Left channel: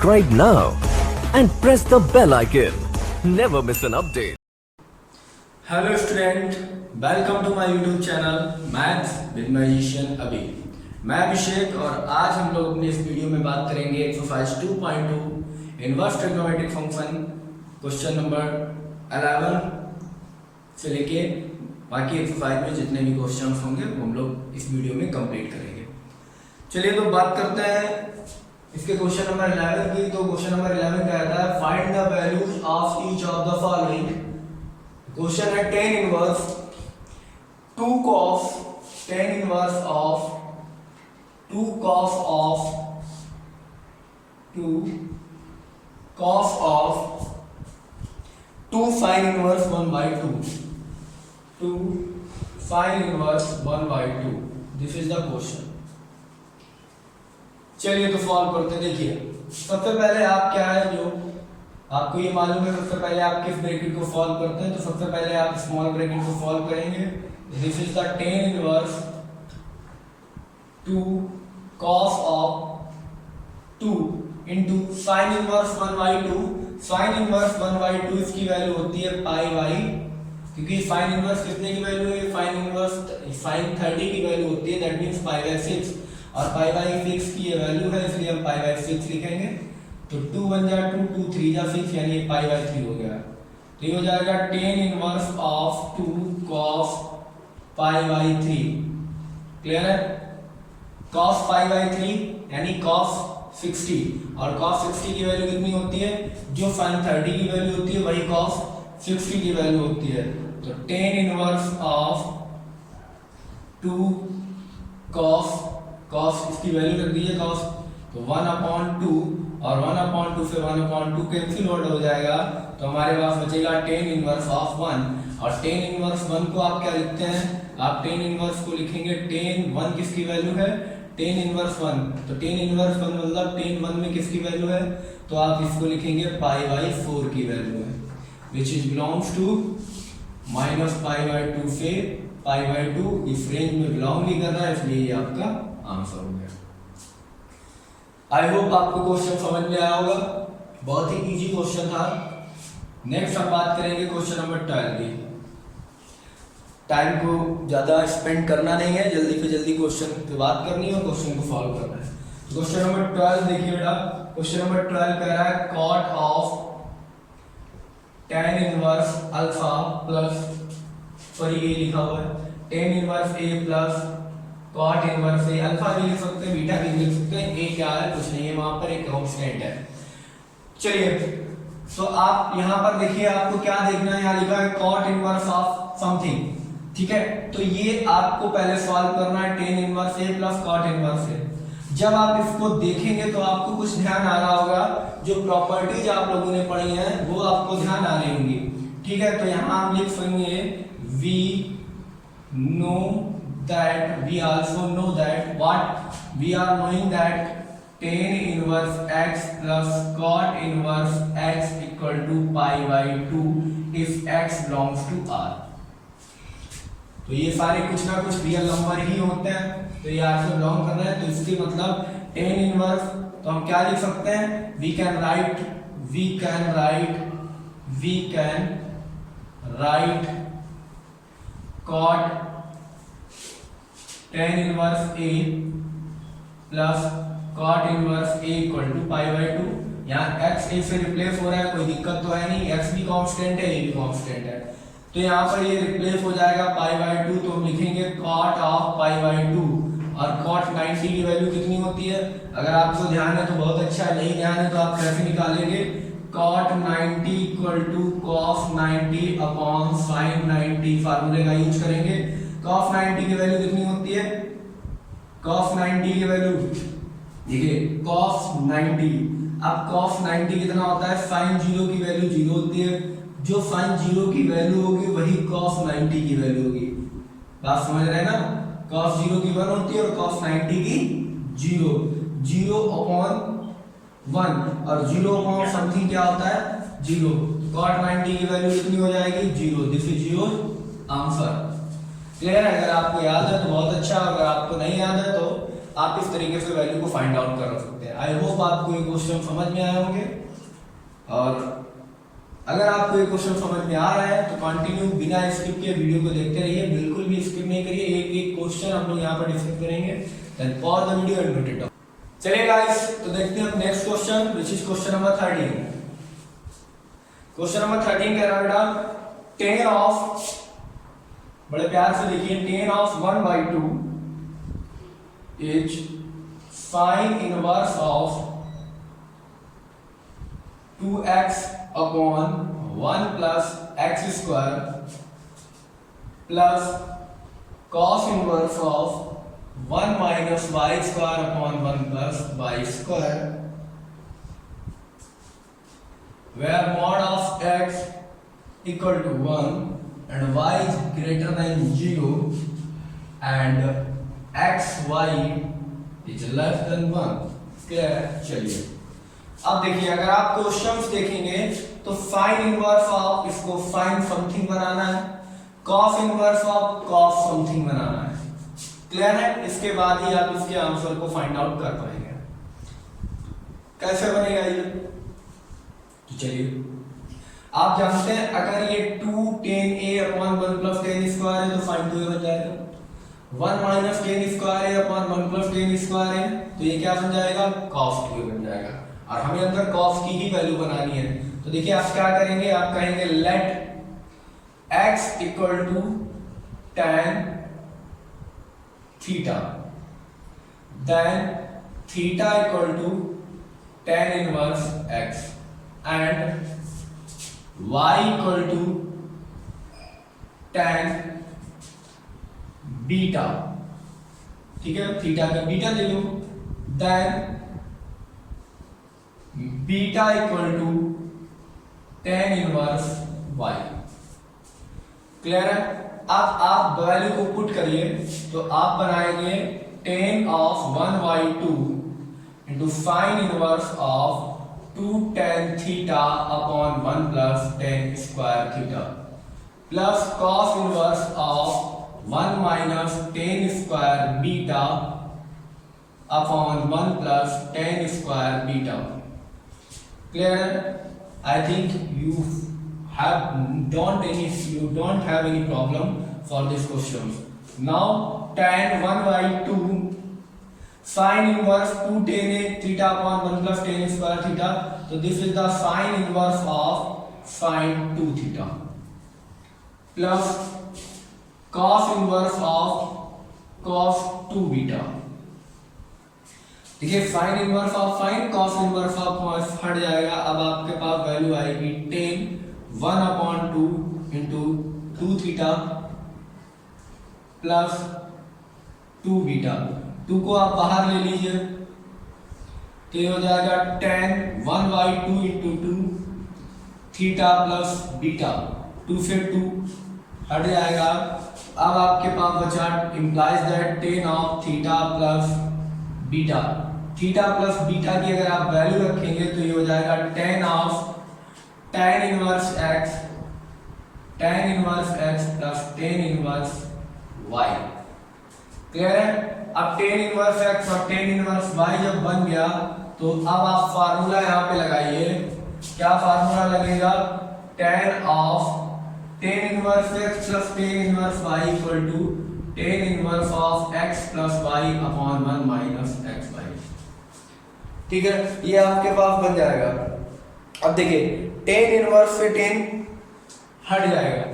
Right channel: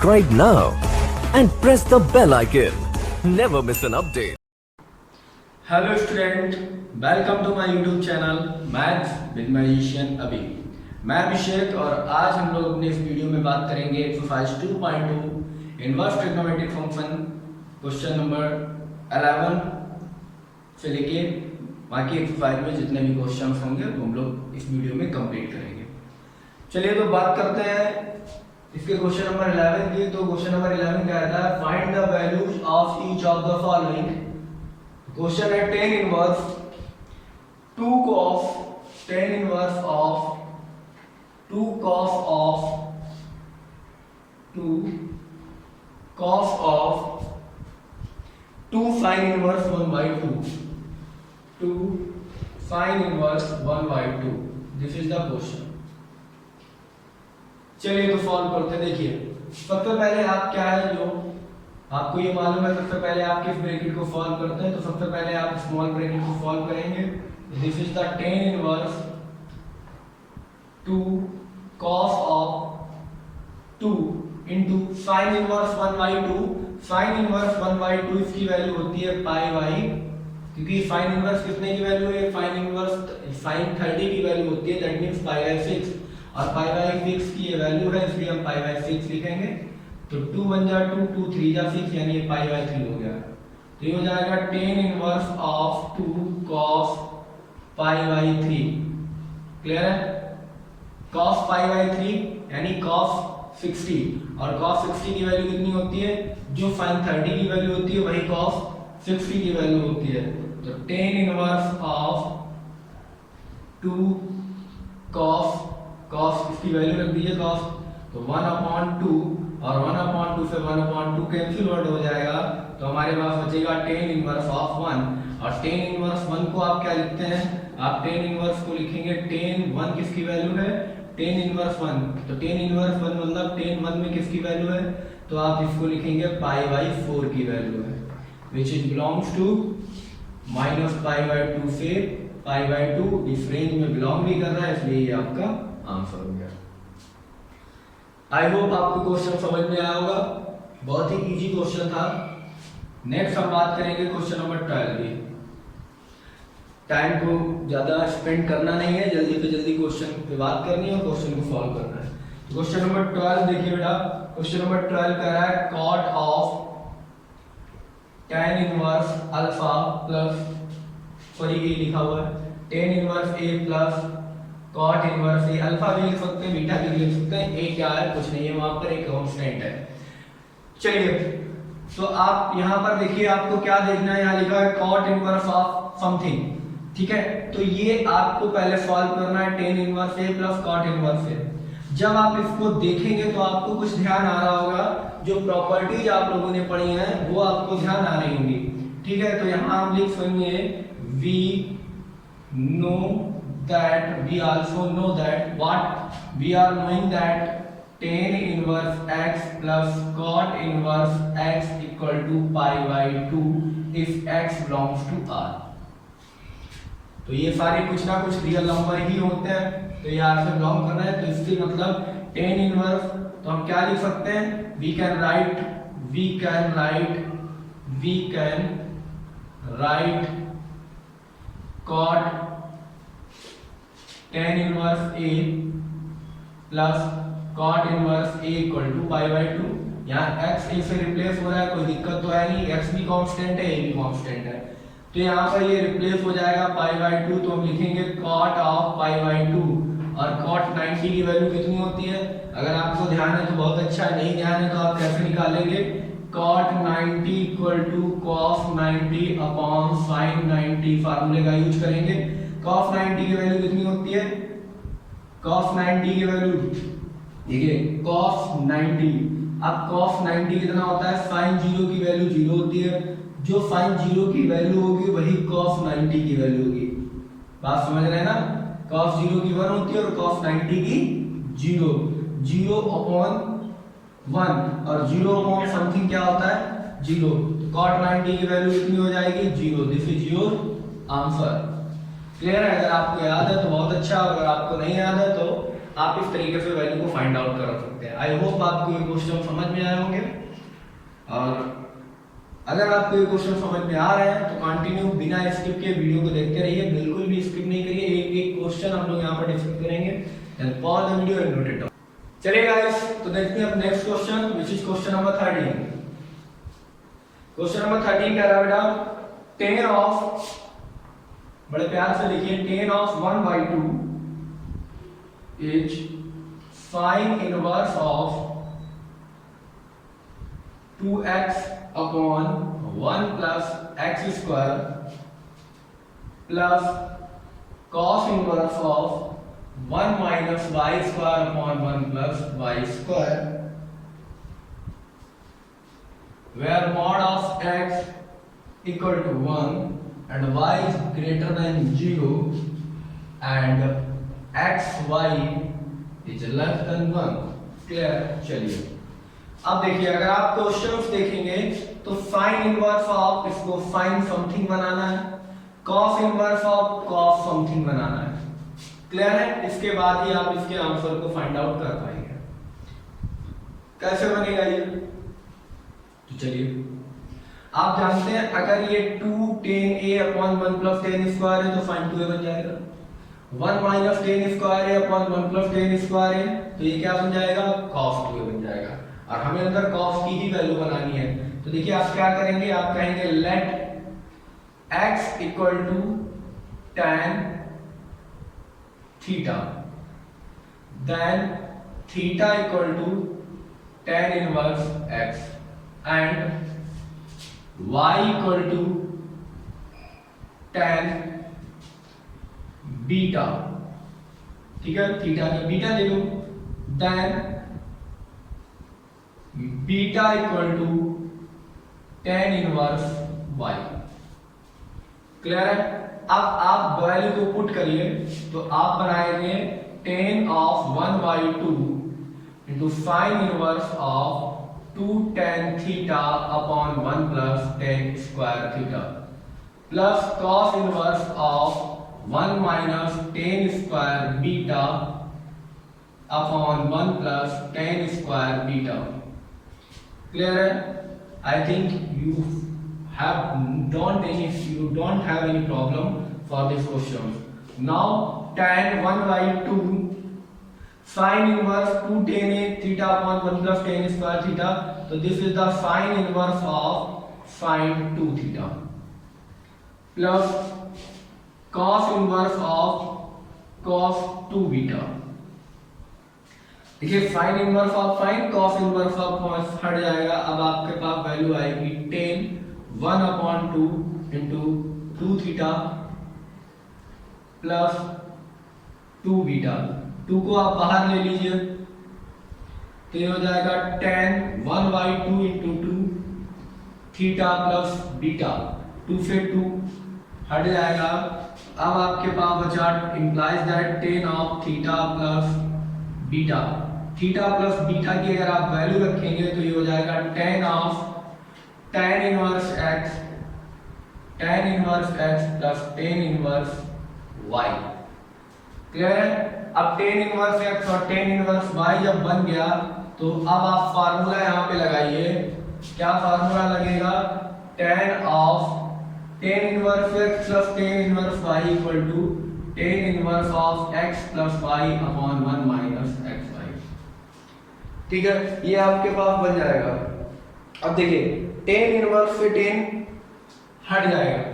Subscribe now and press the bell icon. Never miss an update. Hello student, welcome to my YouTube channel maths with magician अभी। मैं अभिषेक और आज हम लोग अपने इस वीडियो में बात करेंगे exercise 2.2 inverse trigonometric function question number 11 से लेके बाकी एक्सरसाइज में जितने भी क्वेश्चंस होंगे वो हम लोग इस वीडियो में कंप्लीट करेंगे। चलिए तो बात करते हैं इसके क्वेश्चन नंबर 11 की। तो क्वेश्चन नंबर 11 कहता है find the values of each of the following. Question है tan inverse 2 cos tan inverse of 2 cos of 2 sin inverse 1/2 2 sin inverse 1/2। This is the question. चलिए तो सॉल्व करते हैं। देखिए सबसे पहले आप क्या है जो आपको ये मालूम है, सबसे पहले आप किस ब्रैकेट को सॉल्व करते हैं। तो सबसे पहले आप स्मॉल ब्रैकेट को सॉल्व करेंगे। This is the tan inverse 2 cos of 2 into sin inverse 1/2। sin inverse 1/2 इसकी वैल्यू होती है पाई, क्योंकि sin इनवर्स कितने की वैल्यू है, sin 30 की वैल्यू होती है, दैट मींस π/6 और π/6 की ये वैल्यू है, इसलिए हम π/6 लिखेंगे। तो 2 1 जा 2 2 3 जा 6 यानी ये π/3 हो गया। तो ये हो जाएगा tan inverse of 2 cos π/3। Clear है? cos π/3 यानी cos 60 और cos 60 की वैल्यू कितनी होती है, जो sin 30 की वैल्यू होती है वही cos 60 की वैल्यू होती है। तो tan इनवर्स ऑफ 2 cos इसकी वैल्यू रख दीजिए cos, तो 1/2 और 1/2 से 1/2 कैंसिल आउट हो जाएगा। तो हमारे पास बचेगा tan इनवर्स ऑफ 1। और tan इनवर्स 1 को आप क्या लिखते हैं, आप tan इनवर्स को लिखेंगे tan 1 किसकी वैल्यू है, tan इनवर्स 1। तो tan इनवर्स 1 मतलब tan 1 में किसकी वैल्यू है, तो आप इसको लिखेंगे π/4 की वैल्यू है, विच इज बिलोंग्स टू -π/2 से π/2। इस रेंज में बिलोंग नहीं कर रहा है, इसलिए ये आपका आंसर हो गया। आई होप आपको क्वेश्चन समझ में आया होगा, बहुत ही इजी क्वेश्चन था। नेक्स्ट हम बात करेंगे क्वेश्चन नंबर 12 की। टाइम को ज्यादा स्पेंड करना नहीं है, जल्दी से जल्दी क्वेश्चन की बात करनी है और क्वेश्चन को सॉल्व करना है। क्वेश्चन नंबर 12 देखिए बेटा, क्वेश्चन नंबर 12 कह रहा है cot of tan inverse alpha plus, sorry ये लिखा हुआ है tan inverse a plus cot inverse a। Alpha भी लिख सकते हैं, बीटा भी लिख सकते हैं, a क्या है कुछ नहीं है, वहां पर एक कांस्टेंट है। चलिए तो आप यहां पर देखिए, आपको क्या देखना है, यहां लिखा है cot इनवर्स ऑफ समथिंग, ठीक है। तो ये आपको पहले सॉल्व करना है tan inverse a plus cot inverse a। जब आप इसको देखेंगे तो आपको कुछ ध्यान आ रहा होगा, जो प्रॉपर्टीज आप लोगों ने पढ़ी हैं वो आपको ध्यान आ रही होंगी, ठीक है। तो यहां हम लिख सकेंगे we know that, we also know that, what we are knowing that tan inverse x plus cot inverse x equal to π/2 if x belongs to R। तो ये सारे कुछ ना कुछ रियल नंबर ही होते हैं, तो ये R से बिलोंग कर रहे हैं, तो इसकी मतलब tan इनवर्स, तो हम क्या लिख सकते हैं, we can write cot tan inverse a plus cot inverse a equal to π/2। यहाँ x a से रिप्लेस हो रहा है, कोई दिक्कत तो है नहीं, x भी कांस्टेंट है, a भी कांस्टेंट है, तो यहाँ पर ये रिप्लेस हो जाएगा π/2। तो हम लिखेंगे cot ऑफ π/2 और cot 90 की वैल्यू कितनी होती है, अगर आपको ध्यान है तो बहुत अच्छा है, नहीं ध्यान है तो आप कैसे निकालेंगे, cot 90 equal to cos 90 upon sin 90, फार्मूले का यूज करेंगे। cos 90 की वैल्यू कितनी होती है, cos 90 की वैल्यू देखिए cos 90, अब cos 90 कितना होता है, sin 0 की वैल्यू 0 होती है, जो sin 0 की वैल्यू होगी वही cos 90 की वैल्यू होगी। बात समझ रहे हैं ना, cos 0 की 1 होती है और cos 90 की 0 अपॉन 1 और 0 अपॉन समथिंग क्या होता है 0। cot 90 की वैल्यू कितनी हो जाएगी 0। This is your answer. Clear है? अगर आपको याद है तो बहुत अच्छा, अगर आपको नहीं याद है तो आप इस तरीके से वैल्यू को फाइंड आउट कर सकते हैं। आई होप आपको ये क्वेश्चन समझ में आए होंगे, और अगर आपको ये क्वेश्चन समझ में आ रहा है तो कंटिन्यू बिना स्किप के वीडियो को देखते रहिए, बिल्कुल भी स्किप नहीं करिए। एक एक क्वेश्चन हम लोग यहाँ पर डिस्कस करेंगे, then pause the video and note it down. चलिए गाइस, तो देखते हैं next question, which is question number 13। Question number 13 कह रहा है बेटा 10 ऑफ, बड़े प्यार से लिखिए, 10 of 1/2 is sine inverse of 2x upon 1 plus x square plus cos inverse of 1 minus y square upon 1 plus y square, where mod of x equal to 1 and y is greater than 0 and x y is less than 1। Clear है? चलिए अब देखिए, अगर आप questions देखेंगे तो sine inverse of, इसको sine something बनाना है, cos inverse of cos something बनाना है। क्लियर है? इसके बाद ही आप इसके आंसर को फाइंड आउट कर पाएंगे। कैसे बनेगा ये? तो चलिए, आप जानते हैं अगर ये 2 10a अपॉन 1 प्लस 10 स्क्वायर है तो साइन 2a बन जाएगा। 1 माइनस 10 स्क्वायर है अपॉन 1 प्लस 10 स्क्वायर है तो ये क्या बन जाएगा? कॉस 2a बन जाएगा। और हमें अंदर कॉस की ही वैल्यू बनानी है, तो देखिए आप क्या करेंगे, आप कहेंगे let x equal to tan theta, then theta equal to tan inverse x and y equal to tan beta. ठीक है, थीटा का बीटा दे दो, then beta equal to tan inverse y। Clear है? अब आप वैल्यू को पुट करिए तो आप बनाएंगे tan of 1/2 into sine inverse of 2 tan theta upon 1 plus tan square theta plus cos inverse of 1 minus tan square beta upon 1 plus tan square beta. Clear? I think you don't have any problem for this question. Now tan 1/2 sin inverse 2 tan a theta upon 1 plus tan square theta. So this is the sin inverse of sin 2 theta plus cos inverse of cos 2 beta। देखिए sign inverse of sine, cos inverse of cos हट जाएगा। अब आपके पास value आएगी tan 1/2 into 2 theta plus 2 beta. 2 को आप बाहर ले लीजिए तो ये हो जाएगा tan 1/2 into 2 theta plus beta. 2 से 2 हट जाएगा। अब आपके पास बचा implies that tan of theta plus beta. Theta plus beta की अगर आप वैल्यू रखेंगे तो ये हो जाएगा tan of tan inverse x plus tan inverse y। Clear है? अब tan इनवर्स x और tan इनवर्स y जब बन गया तो अब आप फार्मूला यहाँ पे लगाइए। क्या फार्मूला लगेगा? tan of tan inverse x plus tan inverse y equal to tan inverse of x plus y upon 1 minus xy। ठीक है, ये आपके पास बन जाएगा। अब देखिए tan इनवर्स से tan हट जाएगा।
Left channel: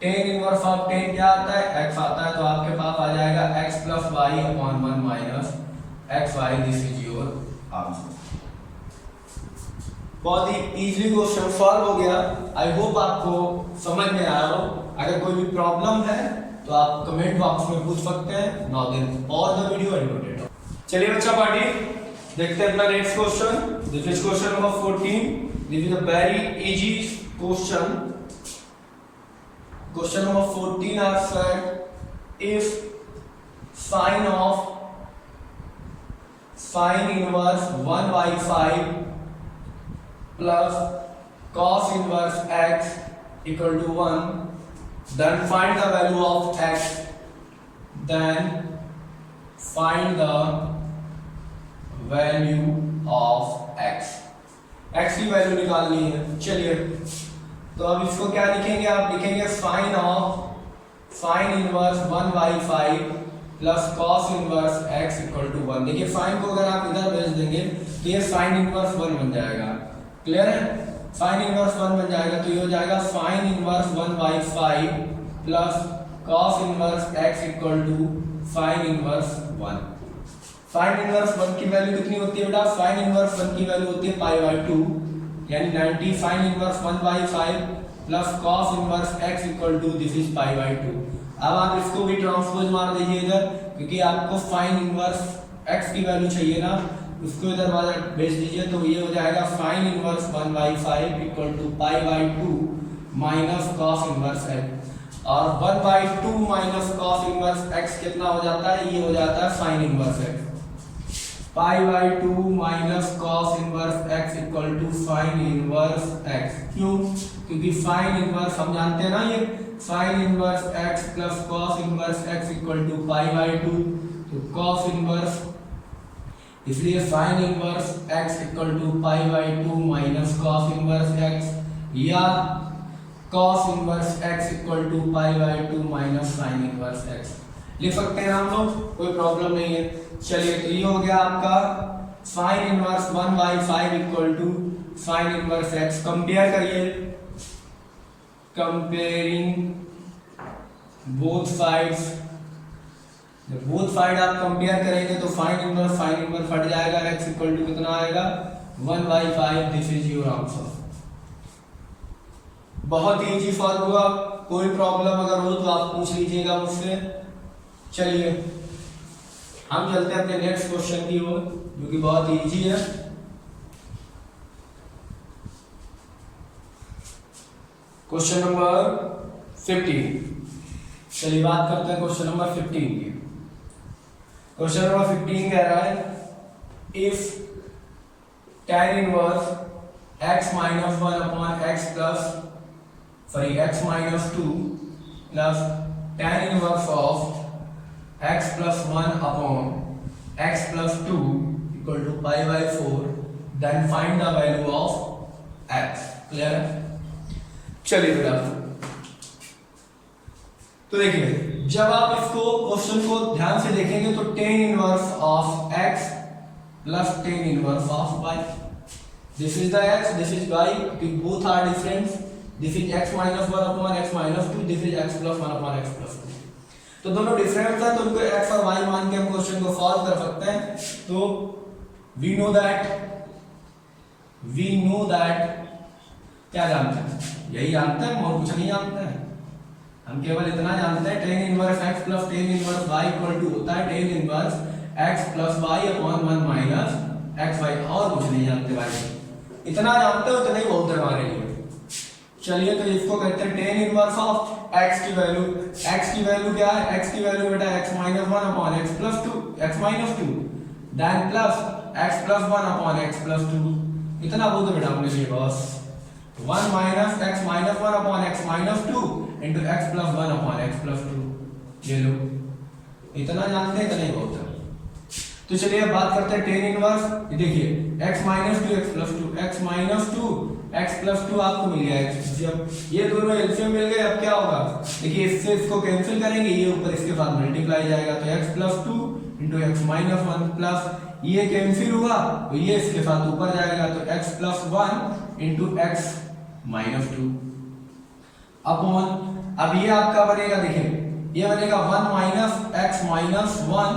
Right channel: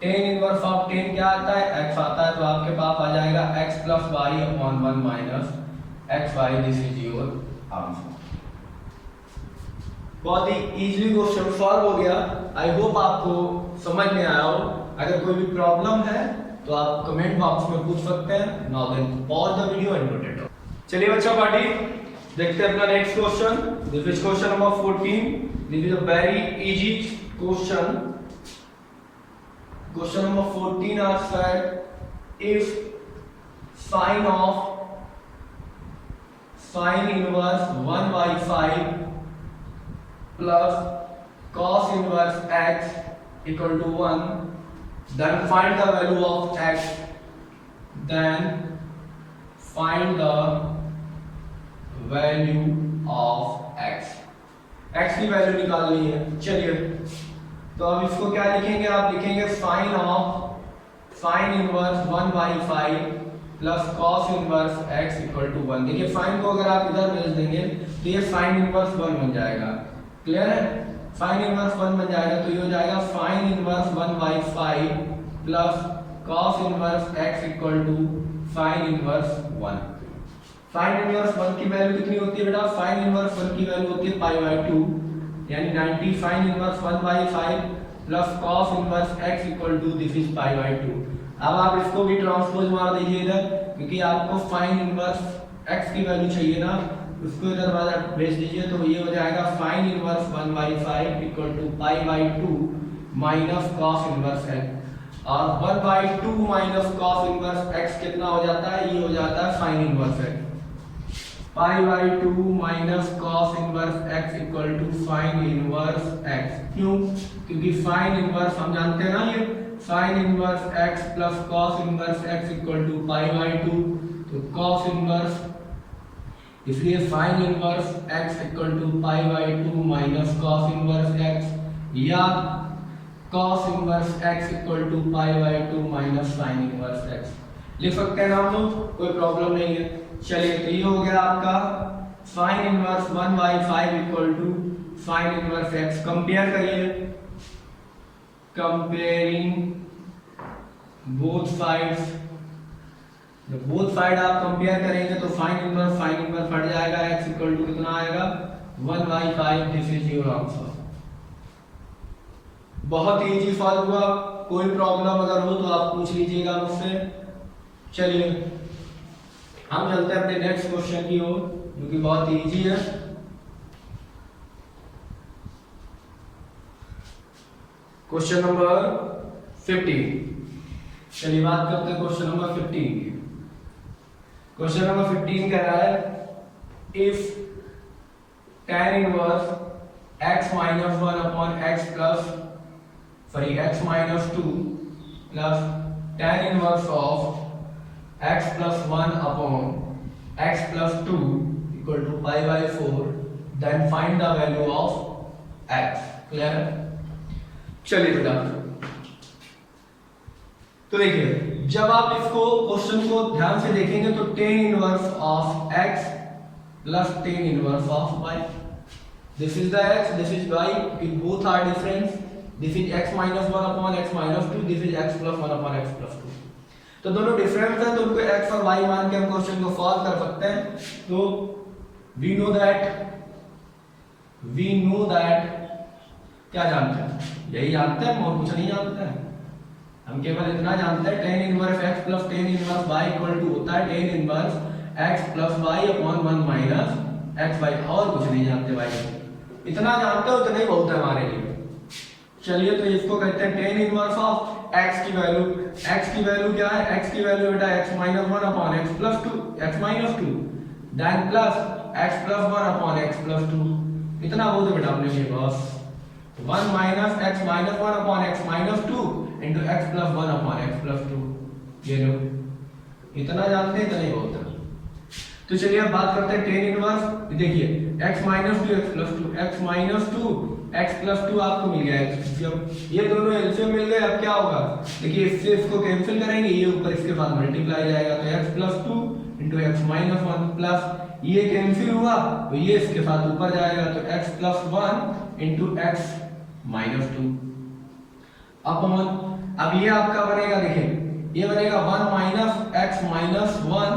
tan इनवर्स ऑफ tan क्या आता है? x आता है, तो आपके पास आ जाएगा x plus y upon 1 minus xy। This is your answer. बहुत ही इजीली क्वेश्चन सॉल्व हो गया। आई होप आपको समझ में आया हो। अगर कोई भी प्रॉब्लम है तो आप कमेंट बॉक्स में पूछ सकते हैं। Now then pause the video and note it down. चलिए बच्चा पार्टी, देखते हैं अपना next question. This is question number 14। This is a very easy question. Question number 14 are said if sin inverse 1/5 plus cos inverse x equal to 1, then find the value of x, then find the value of x, x की value निकालनी है। चलिए तो अब इसको क्या लिखेंगे, आप लिखेंगे sine inverse 1/5 plus cos inverse x equal to 1। देखिए साइन को अगर आप इधर भेज देंगे तो ये साइन इनवर्स 1 बन जाएगा। क्लियर है, साइन इनवर्स 1 बन जाएगा तो ये हो जाएगा sine inverse 1/5 plus cos inverse x equal to sine inverse 1। Sine inverse 1 की वैल्यू कितनी होती है बेटा, साइन इनवर्स 1 की वैल्यू होती है π/2 यानी 90 sine inverse 1/5 plus cos inverse x equal to this is π/2। अब आप इसको भी ट्रांसपोज मार दीजिए इधर, क्योंकि आपको साइन इनवर्स x की वैल्यू चाहिए ना, उसको इधर बाहर भेज दीजिए तो ये हो जाएगा sine inverse 1/5 equal to π/2 minus cos inverse x। और 1/2 माइनस कॉस इनवर्स x कितना हो जाता है, ये हो जाता है sine inverse x। π/2 minus cos inverse x equal to sine inverse x। क्यों, क्योंकि साइन इनवर्स हम जानते हैं ना, ये sine inverse x plus cos inverse x equal to π/2, तो कॉस इनवर्स, इसलिए sine inverse x equal to π/2 minus cos inverse x, या cos inverse x equal to π/2 minus sine inverse x लिख सकते हैं हम लोग, कोई प्रॉब्लम नहीं है। चलिए तो ये हो गया आपका sine inverse 1/5 equal to sine inverse x। Compare करिए, कंपेयरिंग बोथ साइड्स, जब बोथ साइड आप कंपेयर करेंगे तो साइन इनवर्स हट जाएगा, x इक्वल टू कितना आएगा 1/5। This is your answer. बहुत इजी सॉल्व हुआ, कोई प्रॉब्लम अगर हो तो आप पूछ लीजिएगा मुझसे। चलिए हम चलते हैं अपने नेक्स्ट क्वेश्चन की ओर, जो कि बहुत इजी है। Question number 15। चलिए बात करते हैं क्वेश्चन नंबर 15 की। क्वेश्चन नंबर 15 कह रहा है if tan inverse x minus 1 upon x minus 2 plus tan inverse of x plus 1 upon x plus 2 equal to π/4, then find the value of x। Clear है, चलिए बेटा तो देखिए जब आप इसको क्वेश्चन को ध्यान से देखेंगे तो tan inverse of x plus tan inverse of y, this is the x, this is y, both are different. This is x minus 1 upon x minus 2, this is x plus 1 upon x plus 2। तो दोनों difference है तो उनको x और y मान के हम question को सॉल्व कर सकते हैं। तो वी नो दैट क्या जानते हैं, यही जानते हैं, और कुछ नहीं जानते हैं। हम केवल इतना जानते हैं tan inverse x plus tan inverse y equal to होता है tan inverse x plus y upon 1 minus xy, और कुछ नहीं जानते भाई, इतना जानते हो तो नहीं बहुत है हमारे लिए। चलिए तो इसको कहते हैं tan इनवर्स ऑफ x की वैल्यू, x की वैल्यू क्या है, x की वैल्यू बेटा x minus 1 upon x plus 2, x minus 2, then plus x plus 1 upon x plus 2। इतना बहुत बेटा हमने लिए बस, 1 minus x minus 1 upon x minus 2 into x plus 1 upon x plus 2। ये लो इतना जानते हैं, इतना ही बहुत है। तो चलिए अब बात करते हैं tan इनवर्स। देखिए x minus 2 x plus 2, x minus 2 x plus 2 आपको मिल गया x। जब ये दोनों एलसीएम मिल गए अब क्या होगा, देखिए इससे इसको कैंसिल करेंगे, ये ऊपर इसके साथ मल्टीप्लाई जाएगा तो x plus 2 into x minus 1 plus ये कैंसिल हुआ तो ये इसके साथ ऊपर जाएगा तो x plus 1 into x minus 2 upon, अब ये आपका बनेगा, देखिए ये बनेगा 1 minus x minus 1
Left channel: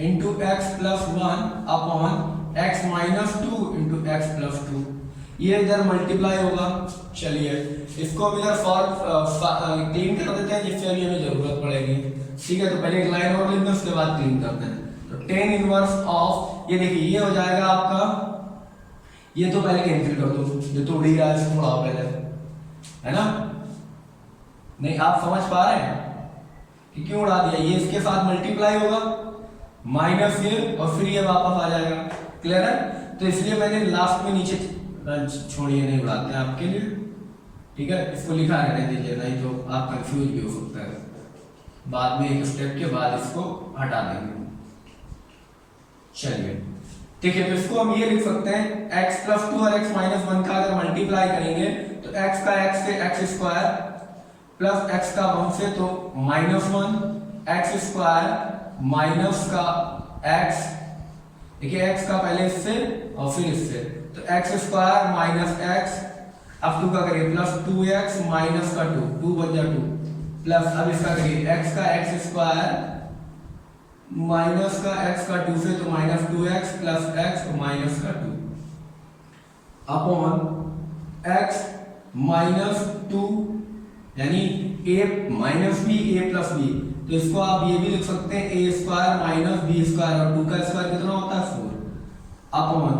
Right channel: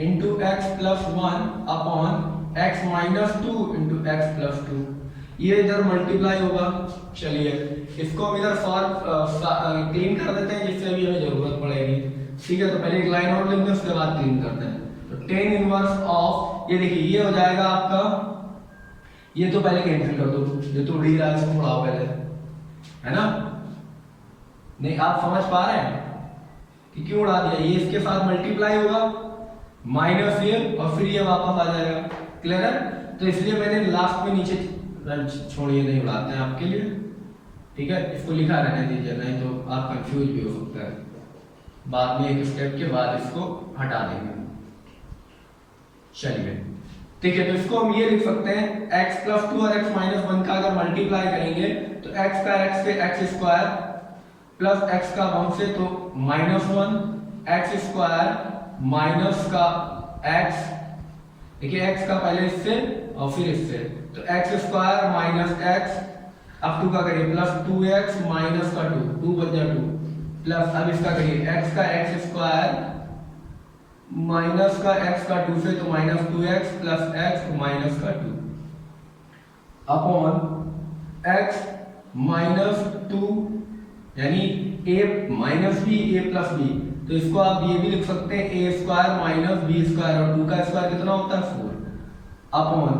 into x plus 1 upon x minus 2 into x plus 2, ये इधर मल्टीप्लाई होगा। चलिए इसको हम इधर क्लीन कर देते हैं जिससे अभी हमें जरूरत पड़ेगी। ठीक है, तो पहले एक लाइन और लिखते हैं उसके बाद क्लीन करते हैं। तो tan इनवर्स ऑफ, ये देखिए ये हो जाएगा आपका, ये तो पहले कैंसिल कर दो, जो तो उड़ी रहा है इसको उड़ाओ पहले, है ना, नहीं आप समझ पा रहे हैं कि क्यों उड़ा दिया, ये इसके साथ मल्टीप्लाई होगा माइनस ये और फिर ये वापस आ जाएगा। क्लियर है, तो इसलिए मैंने लास्ट में नीचे छोड़िए, नहीं उड़ाते हैं आपके लिए। ठीक है, इसको लिखा रहने दीजिए, नहीं तो आप कंफ्यूज भी हो सकता है, बाद में एक स्टेप के बाद इसको हटा देंगे। चलिए देखिए, तो इसको हम ये लिख सकते हैं x प्लस 2 और x माइनस 1 का अगर मल्टीप्लाई करेंगे तो x का x से x स्क्वायर प्लस x का 1 से तो माइनस 1 x स्क्वायर माइनस का x, देखिए x का पहले इससे और फिर इससे, तो x स्क्वायर माइनस x अब 2 का करिए प्लस 2x माइनस का 2 बच जा 2 प्लस अब इसका करिए x का x स्क्वायर माइनस का x का 2 से तो minus 2x plus x minus का 2 अपॉन x माइनस 2 यानी a minus b a plus b, तो इसको आप ये भी लिख सकते हैं a square minus b square और 2 का स्क्वायर कितना होता है 4 अपॉन,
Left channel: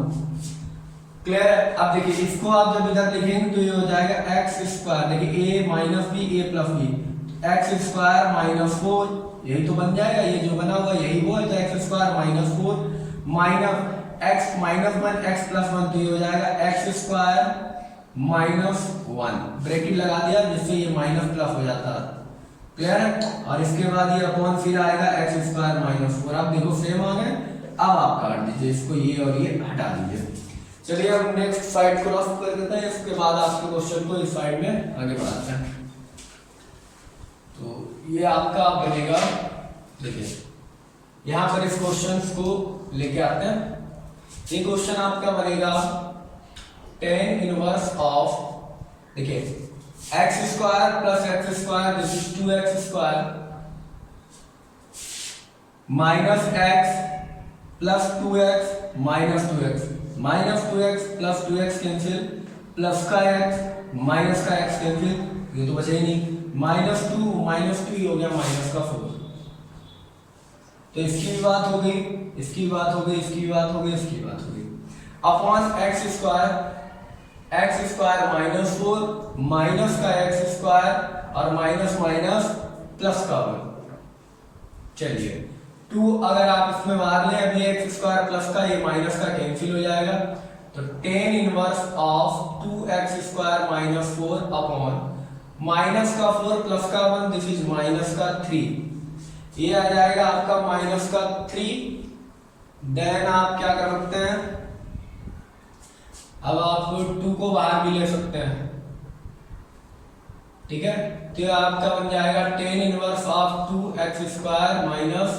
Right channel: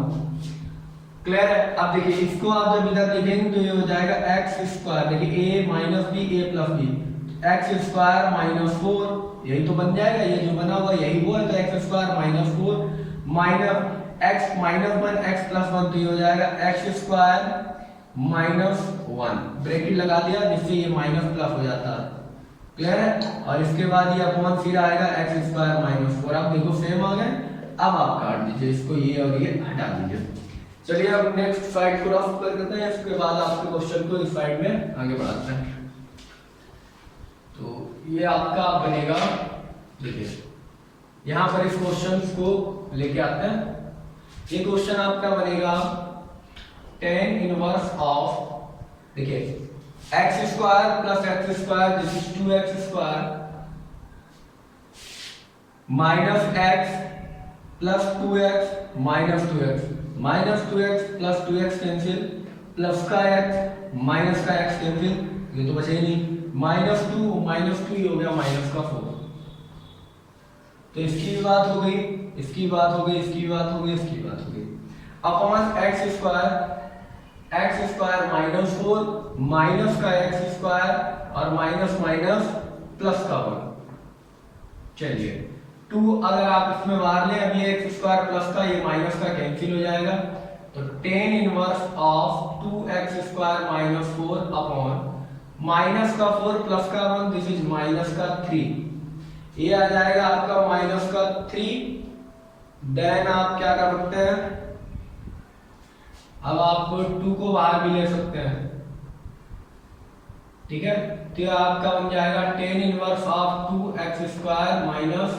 क्लियर है। अब देखिए इसको आप जब इधर लिखेंगे तो ये हो जाएगा x स्क्वायर, देखिए a minus b a plus b, x square minus 4 यही तो बन जाएगा, ये जो बना हुआ यही वो है, तो x square minus 4 minus x minus 1 x plus 1 तो ये हो जाएगा x स्क्वायर माइनस 1, ब्रैकेट लगा दिया जिससे ये माइनस प्लस हो जाता है, क्लियर है। और इसके बाद ये अपॉन फिर आएगा x स्क्वायर माइनस 4, आप देखो सेम आ गए। अब आप काट दीजिए इसको, ये और ये हटा दीजिए। चलिए अब नेक्स्ट साइड को रफ कर देते हैं, इसके बाद आपके क्वेश्चन को इस साइड में आगे बढ़ाते हैं। तो ये आपका बनेगा, देखिए यहाँ पर इस क्वेश्चन को लेके आते हैं। ये क्वेश्चन आपका बनेगा tan इनवर्स ऑफ, देखिए x square plus x square this is 2x square minus x plus 2x minus 2x plus 2x cancel plus का x माइनस का x कैंसिल, ये तो बचे ही नहीं, माइनस 2 ही हो गया माइनस का 4, तो इसकी भी बात हो गई, इसकी बात हो गई, इसकी बात हो गई, इसकी बात हो गई। Upon x square minus 4 minus का x स्क्वायर और माइनस माइनस प्लस का 1। चलिए 2 अगर आप इसमें मार लें, अभी x स्क्वायर प्लस का ये माइनस का कैंसिल हो जाएगा, तो tan inverse of 2x square minus 4 upon minus का 4 प्लस का 1 दिस इज माइनस का 3, ये आ जाएगा आपका माइनस का 3। देन आप क्या कर सकते हैं, अब आप 2 को बाहर भी ले सकते हैं, ठीक है, तो आपका बन जाएगा tan inverse of 2x square minus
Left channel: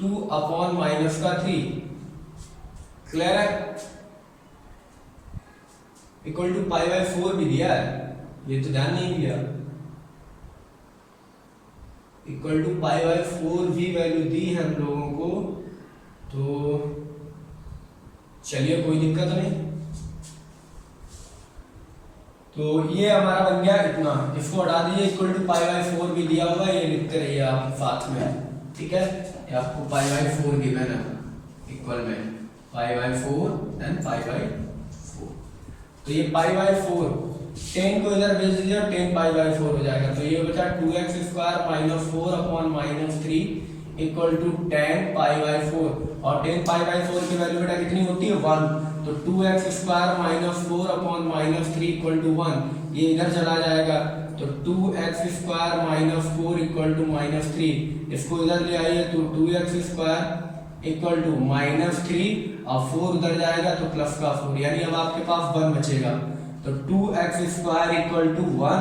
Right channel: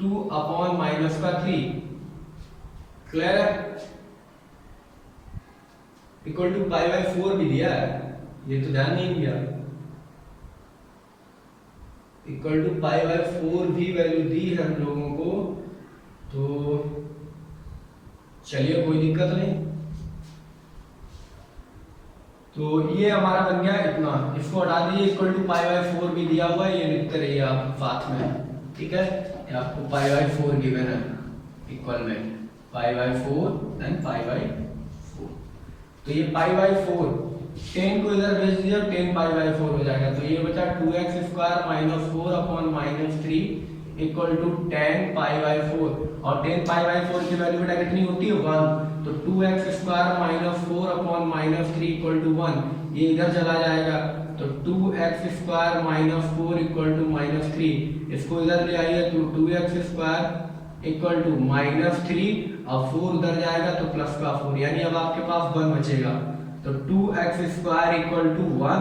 2 upon minus का 3, क्लियर है, इक्वल टू पाई बाई 4 भी दिया है, ये तो ध्यान नहीं दिया, इक्वल टू पाई बाई 4 भी वैल्यू दी है हम लोगों को, तो चलिए कोई दिक्कत नहीं। तो ये हमारा बन गया इतना, इसको हटा दीजिए, इक्वल टू पाई बाई 4 भी दिया हुआ है, ये लिखते रहिए आप साथ में, ठीक है, ये आपको पाई बाई 4 गिवन है, इक्वल में pi by 4 then pi by 4, तो ये पाई बाई 4 10 को इधर भेज दीजिए, 10 पाई बाई 4 हो जाएगा, तो ये बचा 2x square minus 4 upon minus 3 equal to 10 pi by 4, और 10 पाई बाई 4 की वैल्यू बेटा कितनी होती है 1, तो 2x square minus 4 upon minus 3 equal to 1, ये इधर चला जाएगा, तो 2x square minus 4 equal to minus 3, इसको इधर ले आइए, तो 2x square equal to minus 3 और 4 उधर जाएगा तो प्लस का 4, यानी अब आपके पास 1 बचेगा, तो 2x square equal to 1,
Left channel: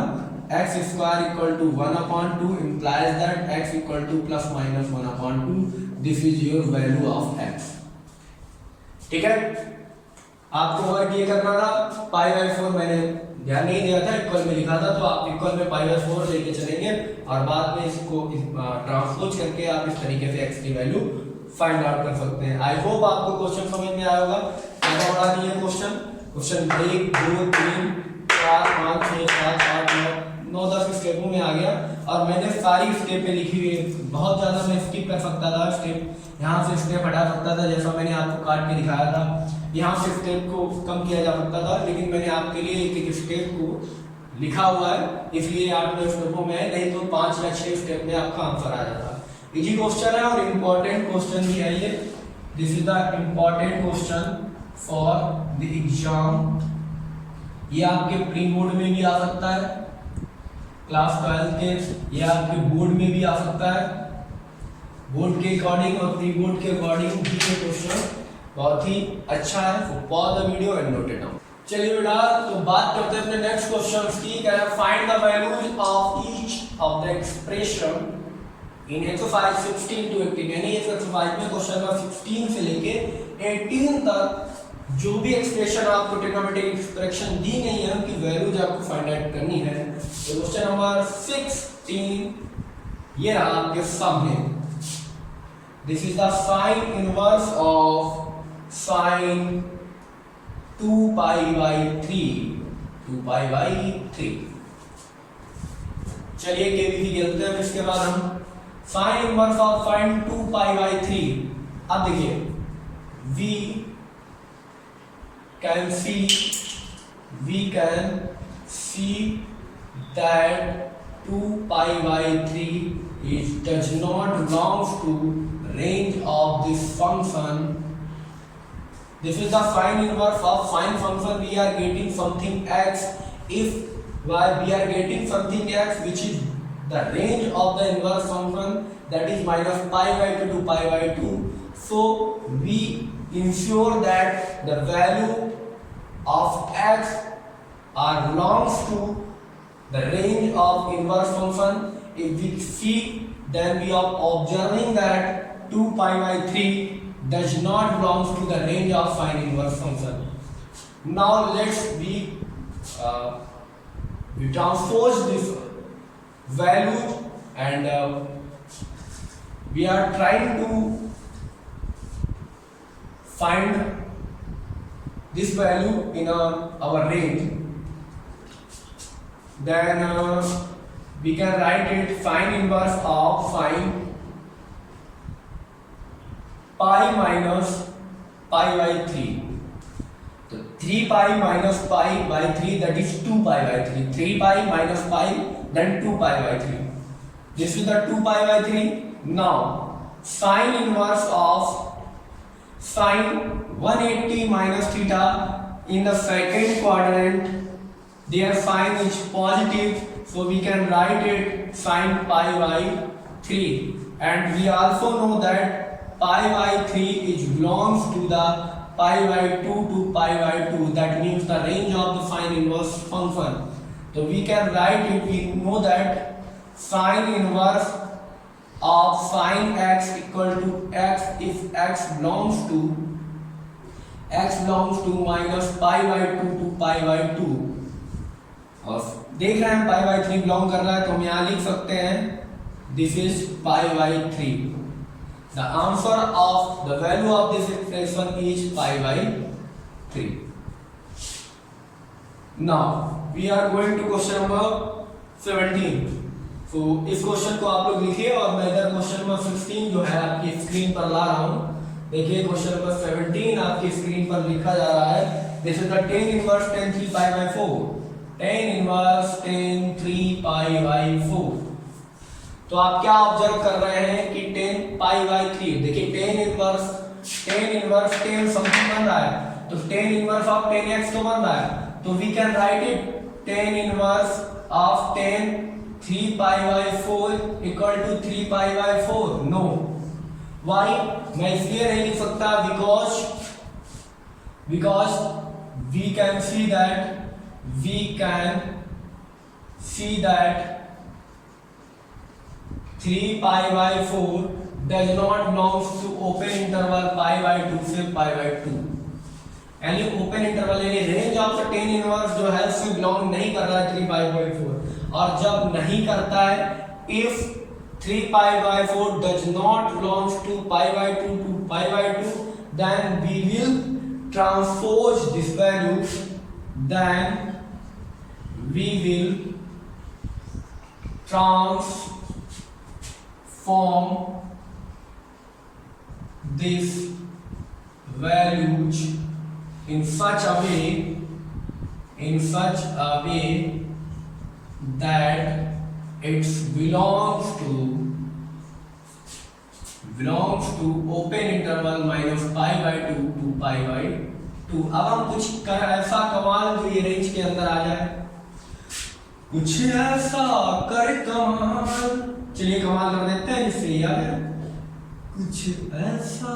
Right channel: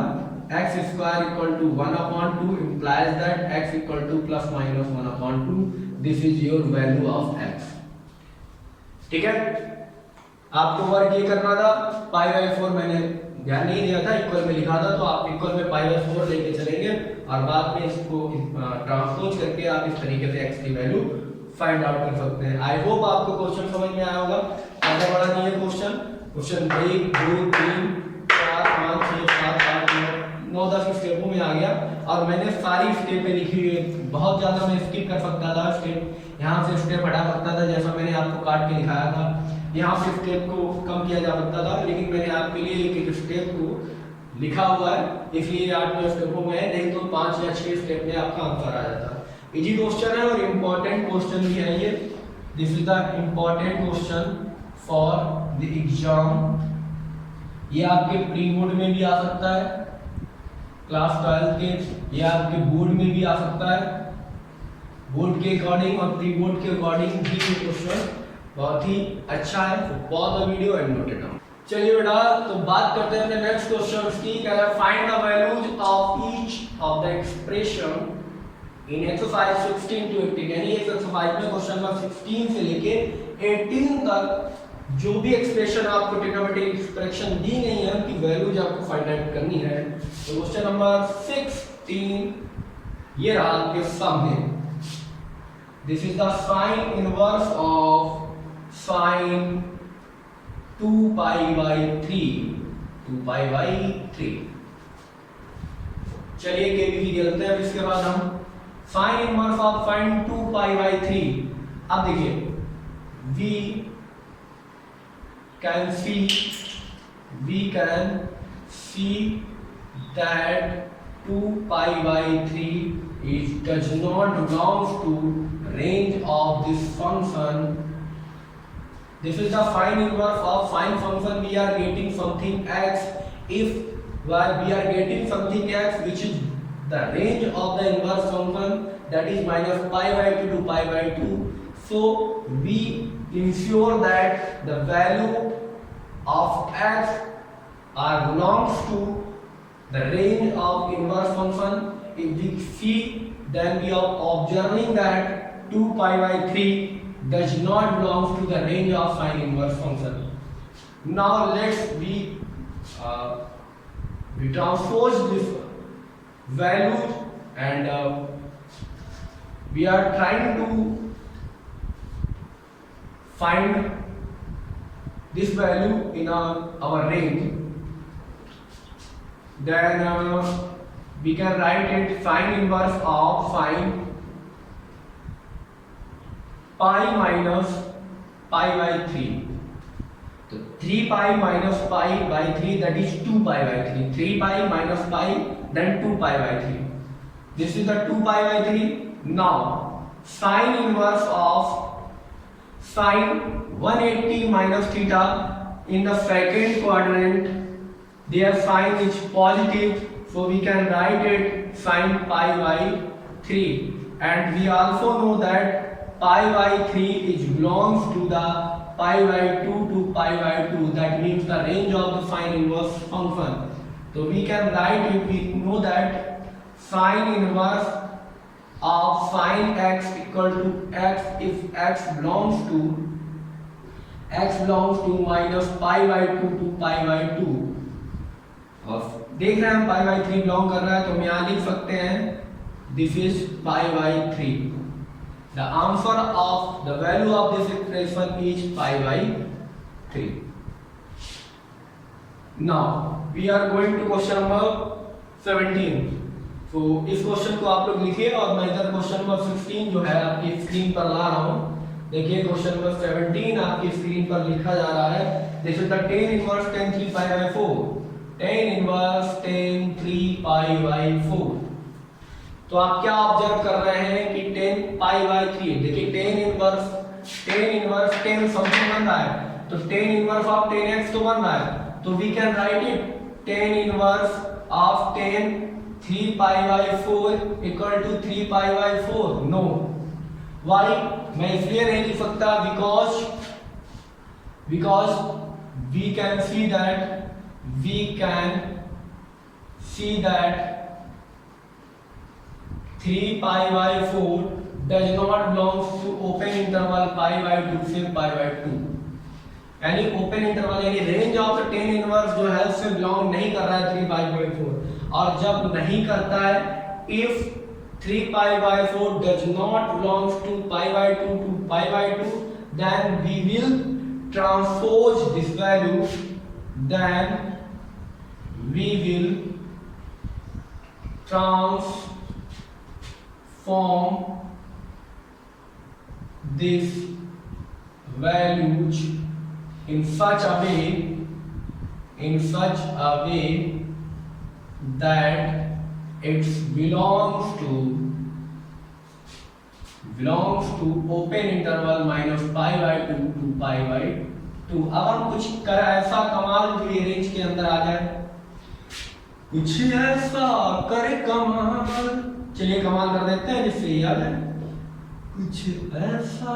x square equal to 1 upon 2 implies that x equal to plus minus 1 upon 2, this is your value of x, ठीक है। आपको वर्क ये करना था, पाई बाई 4 मैंने ध्यान नहीं दिया था, इक्वल में लिखा था, तो आप इक्वल में पाई बाई 4 लेके चलेंगे और बाद में इसको ट्रांसपोज करके आप इस तरीके से x की वैल्यू फाइंड आउट कर सकते हैं। आई होप आपको क्वेश्चन समझ में आया होगा। ज़्यादा बड़ा नहीं है क्वेश्चन 1 2 3 4 5 6 7 8 9 10 स्टेपों में आ गया, और मैंने सारी स्टेपें लिखी हुई है, बहुत ज़्यादा मैं स्किप कर सकता था, स्टेप यहाँ से स्टेप हटा सकता था, जैसा मैंने आपको काट के दिखाया था, यहाँ से स्टेप को कम किया जा सकता था, लेकिन मैंने आपके लिए एक एक स्टेप को लिखा हुआ है, इसलिए 8-9 स्टेपों में है, नहीं तो 5 या 6 स्टेप में आपका आंसर आ जाता। इजी क्वेश्चन है और इम्पोर्टेंट क्वेश्चन भी है ये, this is the important question for the exam, ये आपके प्री बोर्ड में भी आ सकता है, क्लास 12 के, ये आपके बोर्ड में भी आ सकता है, बोर्ड के अकॉर्डिंग और प्री बोर्ड के अकॉर्डिंग भी ये क्वेश्चन बहुत ही अच्छा है। तो pause the video and note it down. चलिए बेटा, तो बात करते हैं अपने नेक्स्ट क्वेश्चन की। कह रहा है find the values of each of the expression in exercise 16 to 18, यानी इस एक्सरसाइज में क्वेश्चन नंबर 16 से लेके 18 तक जो भी एक्सप्रेशन आपको ट्रिग्नोमेट्रिक एक्सप्रेशन दी गई है उनकी वैल्यूज आपको फाइंड आउट करनी है। तो क्वेश्चन नंबर 16 ये रहा आपके सामने। This is the sign inverse of sine 2 pi by 3। चलिए केबीसी खेलते हैं। अब इसके बाद हम sign inverse of sine 2 pi by 3। अब देखिए we can see that 2 pi by 3 does not belongs to range of this function. This is the sine inverse of sine function. We are getting something x. If we are getting something x which is the range of the inverse function, that is minus pi by 2 to pi by 2. So we ensure that the value of x belongs to the range of inverse function. If we see, then we are observing that 2 pi by 3 does not belongs to the range of sine inverse function. Now let's we transpose this value and we are trying to find this value in our range. Then we can write it sine inverse of sine pi minus pi by 3. So 3 pi minus pi by 3, that is 2 pi by 3. 3 pi minus pi, then 2 pi by 3. This is the 2 pi by 3. Now sine inverse of sine 180 minus theta in the second quadrant, their sign is positive, so we can write it sine pi by 3. And we also know that pi by 3 is belongs to the pi by 2 to pi by 2. That means the range of the sine inverse function. So we can write it. We know that sine inverse of sine x equal to x if x belongs to minus pi by 2 to pi by 2. और देख रहे हैं pi by 3 belong कर रहा है, तो हम यहाँ लिख सकते हैं this is pi by 3. The answer of the value of this expression is pi by 3. Now we are going to question number 17. So इस क्वेश्चन को आप लोग लिखिए और मैं इधर क्वेश्चन नंबर 16 जो है आपकी स्क्रीन पर ला रहा हूँ। देखिए क्वेश्चन नंबर 17 आपकी स्क्रीन पर लिखा जा रहा है। This is the tan inverse tan 3 pi by 4. tan inverse tan 3 pi by 4. तो आप क्या ऑब्जर्व कर रहे हैं कि tan pi by 3, देखिए tan इनवर्स tan समथिंग बन रहा है, तो tan inverse of tan x तो बन रहा है, तो we can write it tan inverse of tan 3 pi by 4 equal to 3 pi by 4. No, why? मैं इसलिए नहीं लिख सकता because we can see that 3 pi by 4 does not belongs to open interval pi by 2 से pi by 2. यानी open interval यानी range of the tan inverse जो है उससे बिलोंग नहीं कर रहा है 3 pi by 4. और जब नहीं करता है, if 3 pi by 4 does not belongs to pi by 2 to pi by 2, then we will transpose this value. Then we will transform this values in such a way that it belongs to open interval minus pi by 2 to pi by 2. अब हम कुछ कर ऐसा कमाल जो ये range के अंदर आ जाए, कुछ ऐसा करे कमाल। चलिए कमाल कर देते हैं जिससे याद है। कुछ ऐसा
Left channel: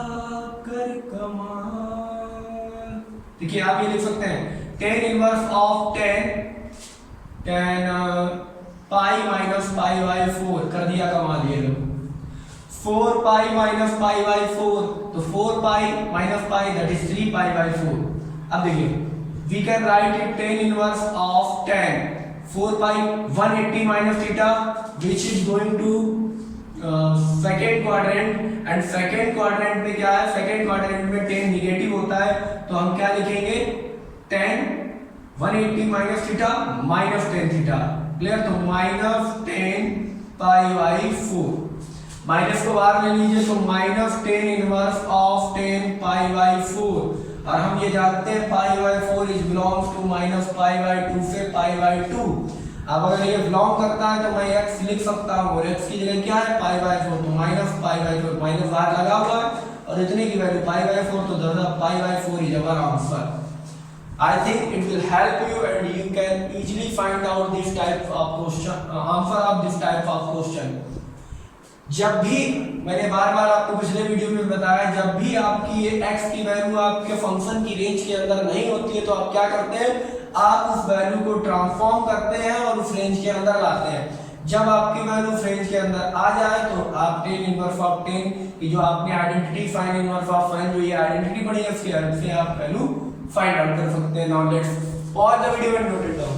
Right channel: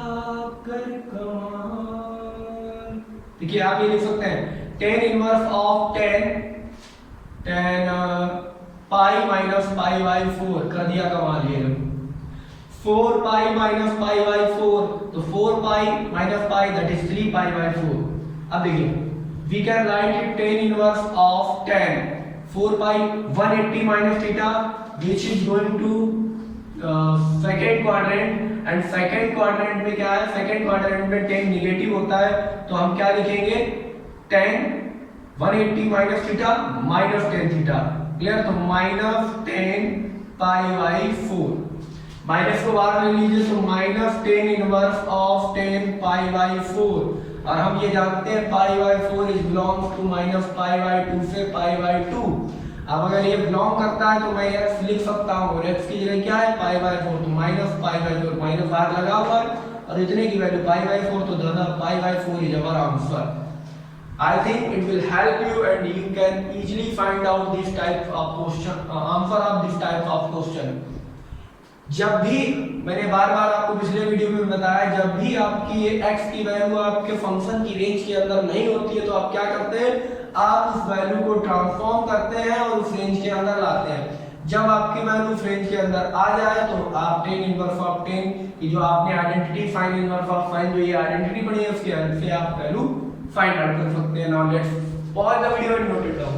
कर कमाल। देखिए आप ये लिख सकते हैं ten inverse of ten pi minus pi by 4 कर दिया कमाल ये लोग। 4 पाई माइनस पाई बाई 4, तो 4 pi minus pi that is 3 pi by 4। अब देखिए we can write it tan inverse of 10 4 pi 180 minus theta which is going to second quadrant, and second quadrant में क्या है, सेकेंड क्वाड्रेंट में 10 negative होता है, तो हम क्या लिखेंगे 10 180 minus theta minus 10 theta. Clear? तो माइनस 10 पाई बाई 4, माइनस को बाहर ले लीजिए तो minus 10 inverse of 10 pi by 4, और हम ये जानते हैं pi by 4 is belongs to minus pi by 2 से पाई बाई 2। अब अगर ये बिलोंग करता है तो मैं x लिख सकता हूँ, और x की जगह क्या है पाई बाई 4, तो माइनस पाई बाई 4, माइनस बाहर लगा हुआ और इतने की वैल्यू पाई बाई 4, तो दादा पाई बाई 4 इज हमारा answer. I think it will help you and you can easily find out this type of question, answer of this type of question. जब भी मैंने बार बार आपको पिछले वीडियो में बताया, जब भी आपकी ये x की वैल्यू आपके फंक्शन की रेंज के अंदर नहीं होती है तो आप क्या करते हैं, आप उस वैल्यू को ट्रांसफॉर्म करते हैं और उस रेंज के अंदर लाते हैं। जब आपकी वैल्यू रेंज के अंदर आ जाए तो आप टेन इनवर्स ऑफ 10 की जो आपने identity fine inverse of fine जो ये आइडेंटिटी पढ़ी है उसकी हेल्प से आप वैल्यू फाइंड आउट कर सकते हैं। Now let's pause the video and note it down.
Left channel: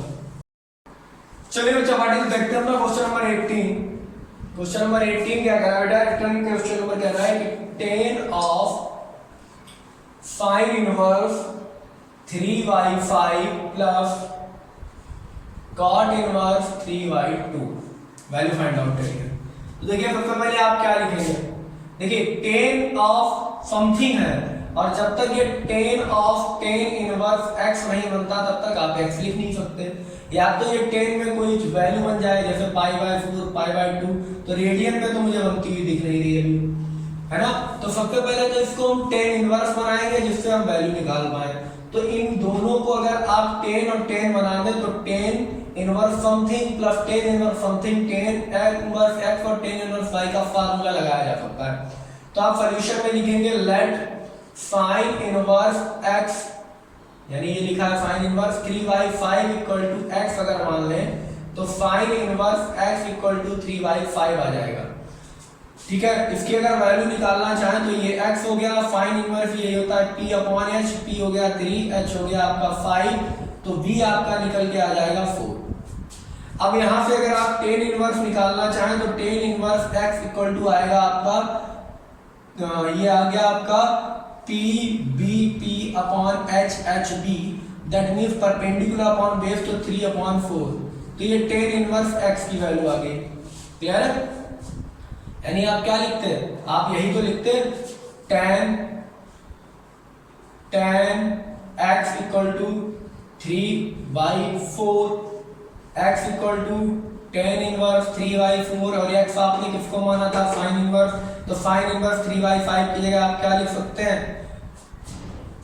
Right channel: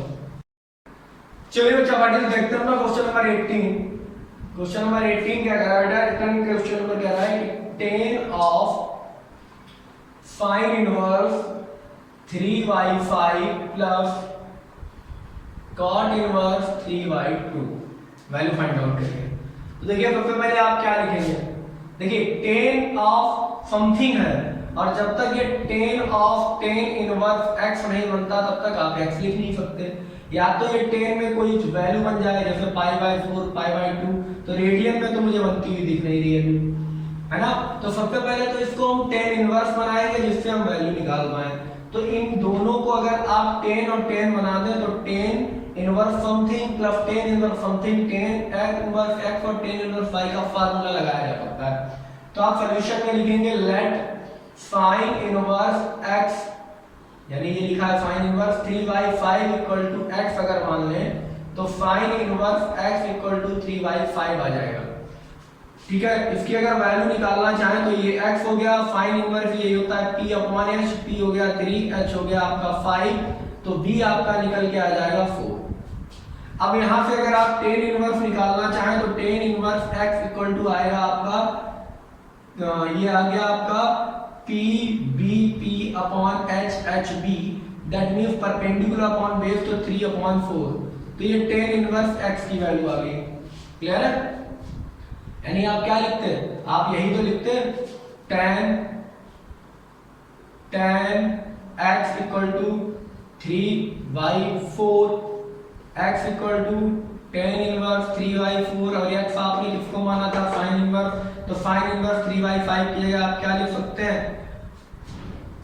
चलिए बच्चा पार्टी देखते हैं अपना क्वेश्चन नंबर 18। क्वेश्चन नंबर 18 क्या कह रहा है बेटा, रिटर्निंग क्वेश्चन नंबर कह रहा है कि 10 of sine inverse 3/5 plus cot inverse 3/2 value find out करिए। तो देखिए सबसे पहले आप क्या लिखेंगे, देखिए 10 ऑफ समथिंग है, और जब तक ये 10 ऑफ 10 इनवर्स x नहीं बनता तब तक आप x लिख नहीं सकते। या तो ये 10 में कोई वैल्यू बन जाए जैसे पाई बाई 4 पाई बाई 2, तो रेडियन में तो मुझे बनती हुई दिख नहीं रही अभी, है ना। तो सबसे पहले तो इसको हम 10 इनवर्स बनाएंगे जिससे हम वैल्यू निकाल पाए। तो इन दोनों को अगर आप 10 और 10 बना दें तो 10 inverse something plus 10 inverse something 10 inverse x और 10 इनवर्स y का फार्मूला लगाया जा सकता है। तो आप सॉल्यूशन में लिखेंगे लेट साइन इनवर्स x, यानी ये लिखा है sine inverse 3/5 equal to x, अगर मान लें तो sine inverse x equal to 3/5 आ जाएगा। ठीक है, इसकी अगर वैल्यू निकालना चाहें तो ये x हो गया, साइन इनवर्स ये होता है p अपॉन h, p हो गया 3, h हो गया आपका 5, तो v आपका निकल के आ जाएगा 4। अब यहाँ से अगर आप 10 इनवर्स निकालना चाहें तो 10 इनवर्स x इक्वल टू आएगा आपका, ये आ गया आपका p b p upon h h b, that means perpendicular upon base तो 3/4, तो ये 10 इनवर्स x की वैल्यू आ गई। क्लियर है? यानी आप क्या लिखते हैं, आप यही तो लिखते हैं tan x equal to 3/4, x equal to tan inverse 3/4, और x आपने किसको माना था साइन इनवर्स, तो साइन इनवर्स 3/5 की जगह आप क्या लिख सकते हैं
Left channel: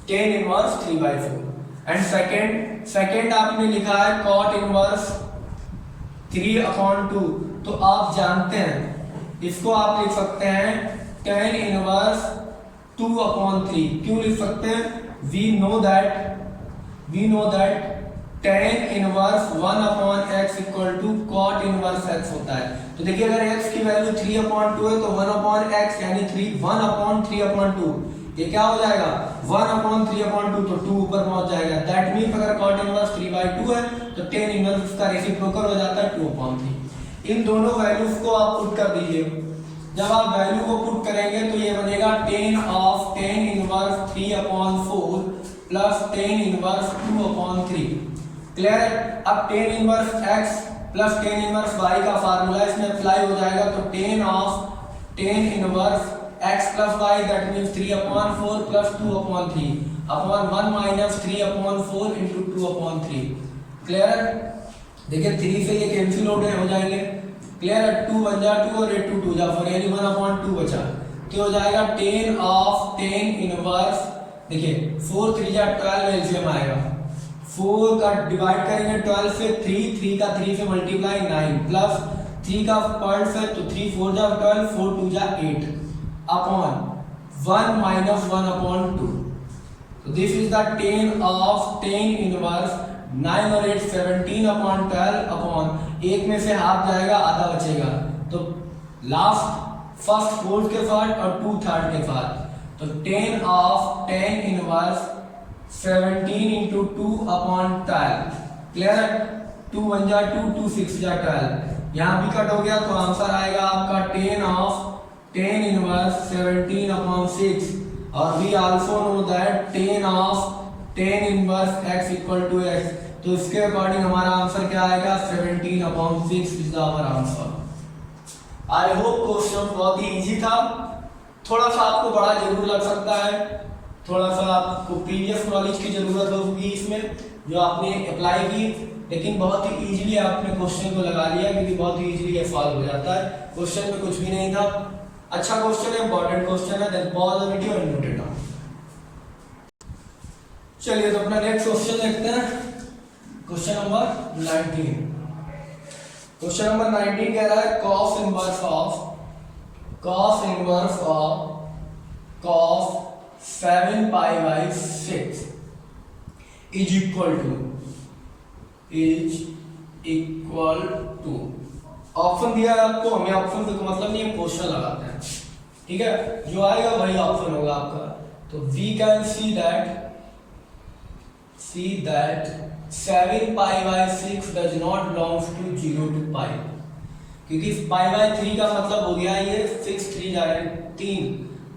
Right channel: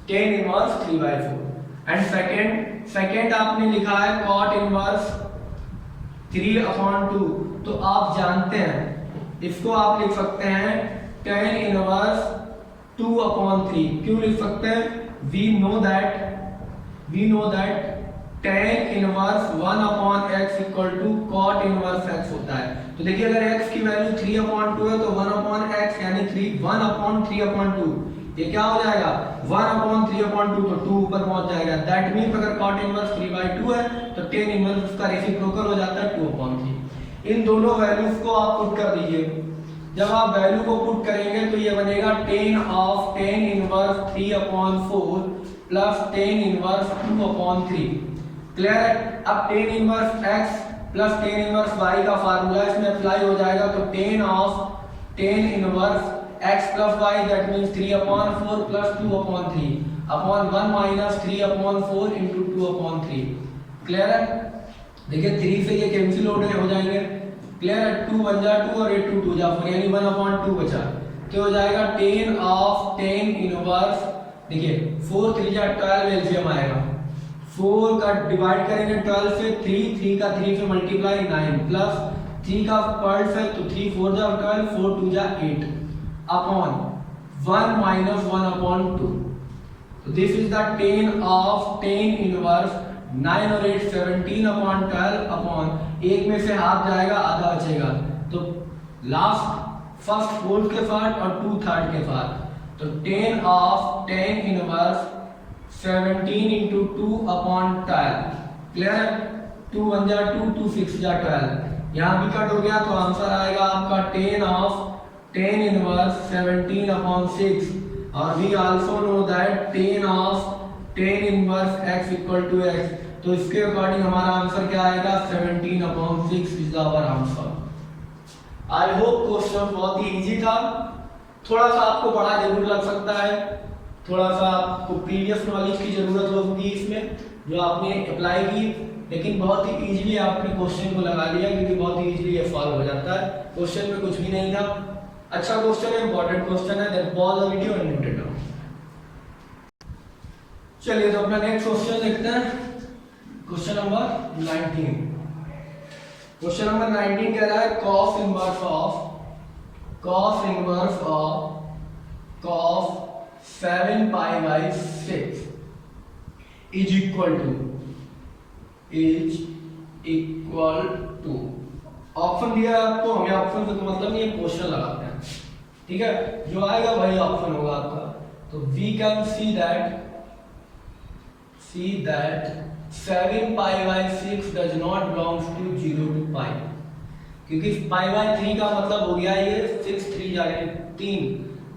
tan इनवर्स 3/4। एंड सेकंड आपने लिखा है cot इनवर्स 3/2, तो आप जानते हैं इसको आप लिख सकते हैं tan इनवर्स 2/3। क्यों लिख सकते हैं, वी नो दैट tan इनवर्स 1/x equal to cot inverse x होता है। तो देखिए अगर x की वैल्यू 3/2 है तो 1/x यानी 1/3/2, ये क्या हो जाएगा 1/3/2, तो 2 ऊपर पहुंच जाएगा। दैट मींस अगर cot इनवर्स 3/2 है तो tan इनवर्स उसका रेसिप्रोकल हो जाता है 2/3। इन दोनों वैल्यूज को आप पुट कर दीजिए। जब आप वैल्यू को पुट करेंगे तो ये बनेगा tan of tan inverse 3/4 plus tan inverse 2/3। Clear है? अब tan inverse x plus tan inverse y का फार्मूला इसमें अप्लाई हो जाएगा, तो tan of tan inverse x plus y that means 3/4 plus 2/3 upon 1 minus 3/4 into 2/3। Clear है? देखिए 3 से ये कैंसिल हो जाएंगे। क्लियर है? 2 1 जा 2 और 2 2 जा 4, यानी 1/2 बचा, तो हो जाएगा tan ऑफ tan इनवर्स, देखिए 4 3 जा 12 एलसीएम आएगा, 4 का डिवाइड करेंगे 12 से, 3 का 3 से मल्टीप्लाई 9 प्लस 3 का पॉइंट से, तो 3 4 जा 12 4 2 जा 8। Upon 1 minus 1 upon 2। तो this is the tan of tan inverse 9 और 8 17 अपॉन 12 अपॉन, एक में से हाफ जाएगा आधा बचेगा, तो लास्ट फर्स्ट फोर्थ के साथ और 2 थर्ड के साथ, तो tan of tan inverse 17 into 2 upon 12। Clear है? 2 1 जा 2, 2 6 जा 12, यहाँ भी कट हो गया तो आंसर आएगा आपका tan of tan inverse 17 upon 6। और we also know that tan of tan inverse x equal to x, तो इसके अकॉर्डिंग हमारा आंसर क्या आएगा 17 upon 6 is our answer. I hope question बहुत ही इजी था, थोड़ा सा आपको बड़ा जरूर लग सकता है, थोड़ा सा आपको प्रीवियस नॉलेज की जरूरत होगी इसमें जो आपने अप्लाई की, लेकिन बहुत ही इजीली आपने क्वेश्चन को लगा लिया क्योंकि बहुत ही इजीली ये सॉल्व हो जाता है, क्वेश्चन में कुछ भी नहीं था। अच्छा क्वेश्चन है, इंपॉर्टेंट क्वेश्चन है, then pause the video and note it down. चलिए तो अपना नेक्स्ट क्वेश्चन देखते हैं, क्वेश्चन नंबर 19। क्वेश्चन नंबर 19 कह रहा है cos inverse of cos 7 pi by 6 is equal to, option दिया है आपको, हमें ऑप्शन से तो मतलब नहीं है, क्वेश्चन लगाते हैं, ठीक है, जो आएगा वही ऑप्शन होगा आपका। तो we can see that 7 pi by 6 does not belongs to 0 to pi, क्योंकि पाई बाई 3 का मतलब हो गया ये 6 3 जाए 3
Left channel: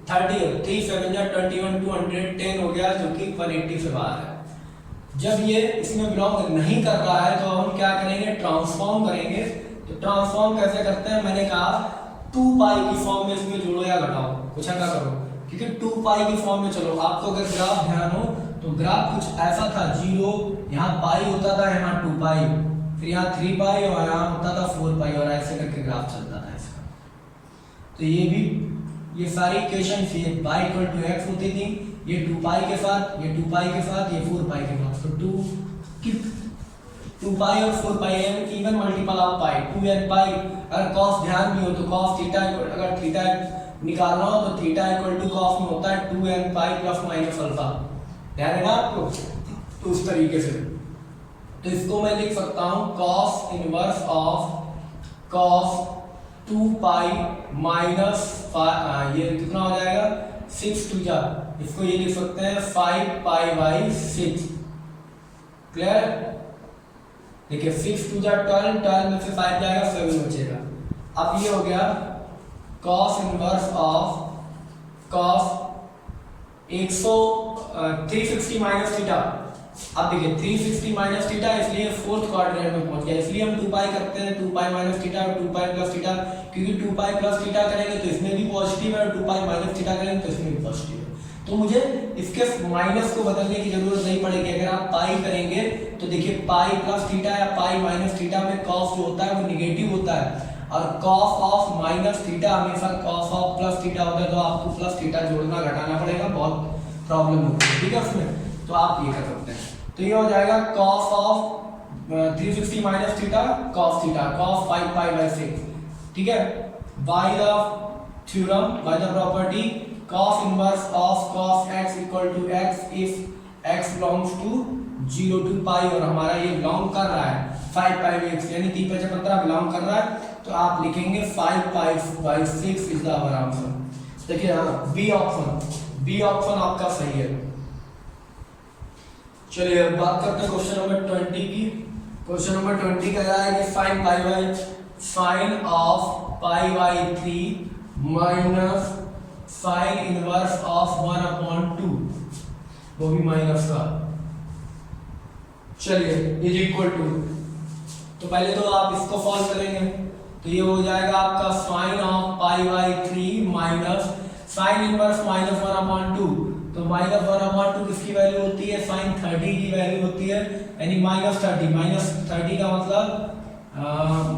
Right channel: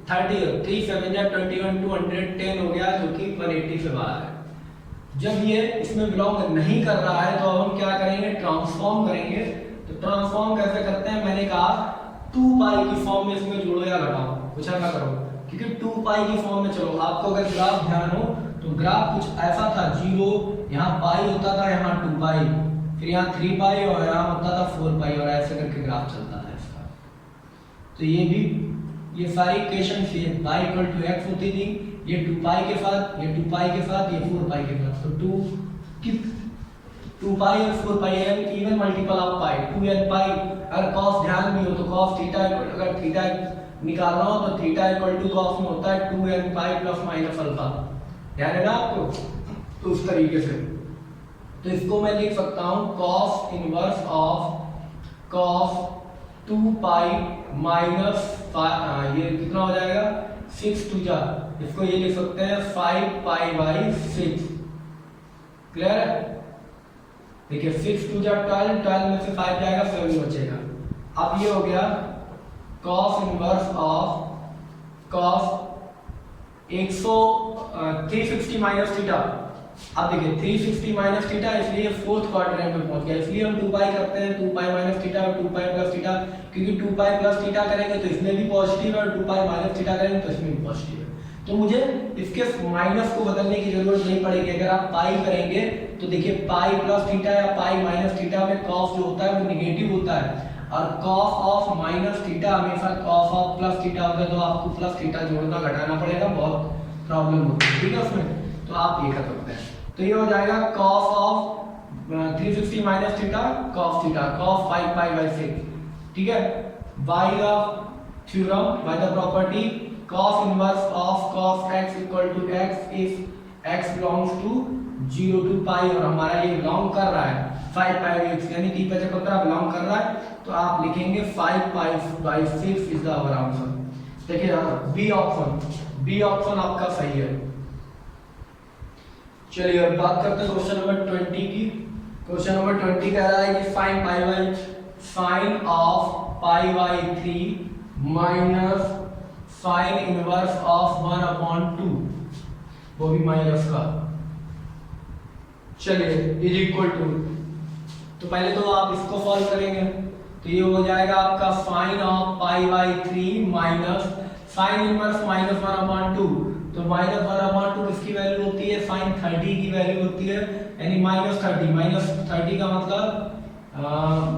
30 3 7 जा 21 210 हो गया, जो कि 180 से बाहर है। जब ये इसमें बिलोंग नहीं कर रहा है तो अब हम क्या करेंगे, ट्रांसफॉर्म करेंगे। तो ट्रांसफॉर्म कैसे करते हैं, मैंने कहा 2 पाई की फॉर्म में इसमें जोड़ो या घटाओ, कुछ ना करो, क्योंकि 2 पाई की फॉर्म में चलो। आपको अगर ग्राफ ध्यान हो तो ग्राफ कुछ ऐसा था, 0 यहाँ पाई होता था, यहाँ 2 पाई, फिर यहाँ 3 पाई और यहाँ होता था 4 पाई, और ऐसे करके ग्राफ चलता था इसका। तो ये भी ये सारी इक्वेशन से y इक्वल टू x होती थी, ये 2 पाई के साथ, ये 2 पाई के साथ, ये 4 पाई के साथ। तो 2 पाई और 4 pi even multiple of pi, 2n pi. अगर cos ध्यान भी हो तो cos थीटा, अगर थीटा निकालना हो तो थीटा इक्वल टू cos में होता है 2n pi plus minus alpha, ध्यान है ना आपको। तो उस तरीके से तो इसको मैं लिख सकता हूँ cos inverse of cos 2 pi minus ये कितना हो जाएगा 6 2 जा, इसको ये लिख सकते हैं 5 पाई बाई 6। क्लियर? देखिए 6 2 जा 12, 12 में से 5 जाएगा 7 बचेगा। अब ये हो गया cos inverse of cos 360 minus theta. अब देखिए 360 माइनस थीटा, इसलिए फोर्थ क्वाड्रेंट में पहुंच गया, इसलिए हम 2 पाई करते हैं, 2 पाई माइनस थीटा और 2 पाई प्लस थीटा, क्योंकि 2 पाई प्लस थीटा करेंगे तो इसमें भी पॉजिटिव है और 2 पाई माइनस थीटा करेंगे तो इसमें भी पॉजिटिव है। तो मुझे इसके माइनस को बदलने की जरूरत नहीं पड़ेगी। अगर आप पाई करेंगे तो देखिए पाई प्लस थीटा या पाई माइनस थीटा में कॉस जो होता है वो निगेटिव होता है, और कॉस ऑफ माइनस थीटा हमेशा कॉस ऑफ प्लस थीटा होता है, तो आपको प्लस थीटा जोड़ना घटाना पड़ेगा, बहुत प्रॉब्लम होती है, ठीक है उसमें। तो आप ये कर सकते हैं, तो ये हो जाएगा cos of 360 minus theta cos theta cos 5 pi by 6, ठीक है। By the theorem, by the property cos inverse of cos x equal to x if x belongs to 0 to pi, और हमारा ये बिलोंग कर रहा है 5 पाई बाई 6 यानी 3 5 15 belong कर रहा है, तो आप लिखेंगे 5 pi by 6 is the our answer. देखिए यहाँ बी ऑप्शन आपका सही है। चलिए अब बात करते हैं क्वेश्चन नंबर 20 की। क्वेश्चन नंबर 20 कह रहा है कि sine of pi by 3 minus sine inverse of 1/2, वो भी माइनस का। चलिए इज इक्वल टू, तो पहले तो आप इसको सॉल्व करेंगे, तो ये हो जाएगा आपका sine of pi by 3 minus sine inverse minus 1/2, तो माइनस 1/2 किसकी वैल्यू होती है, साइन 30 की वैल्यू होती है, यानी माइनस 30 का मतलब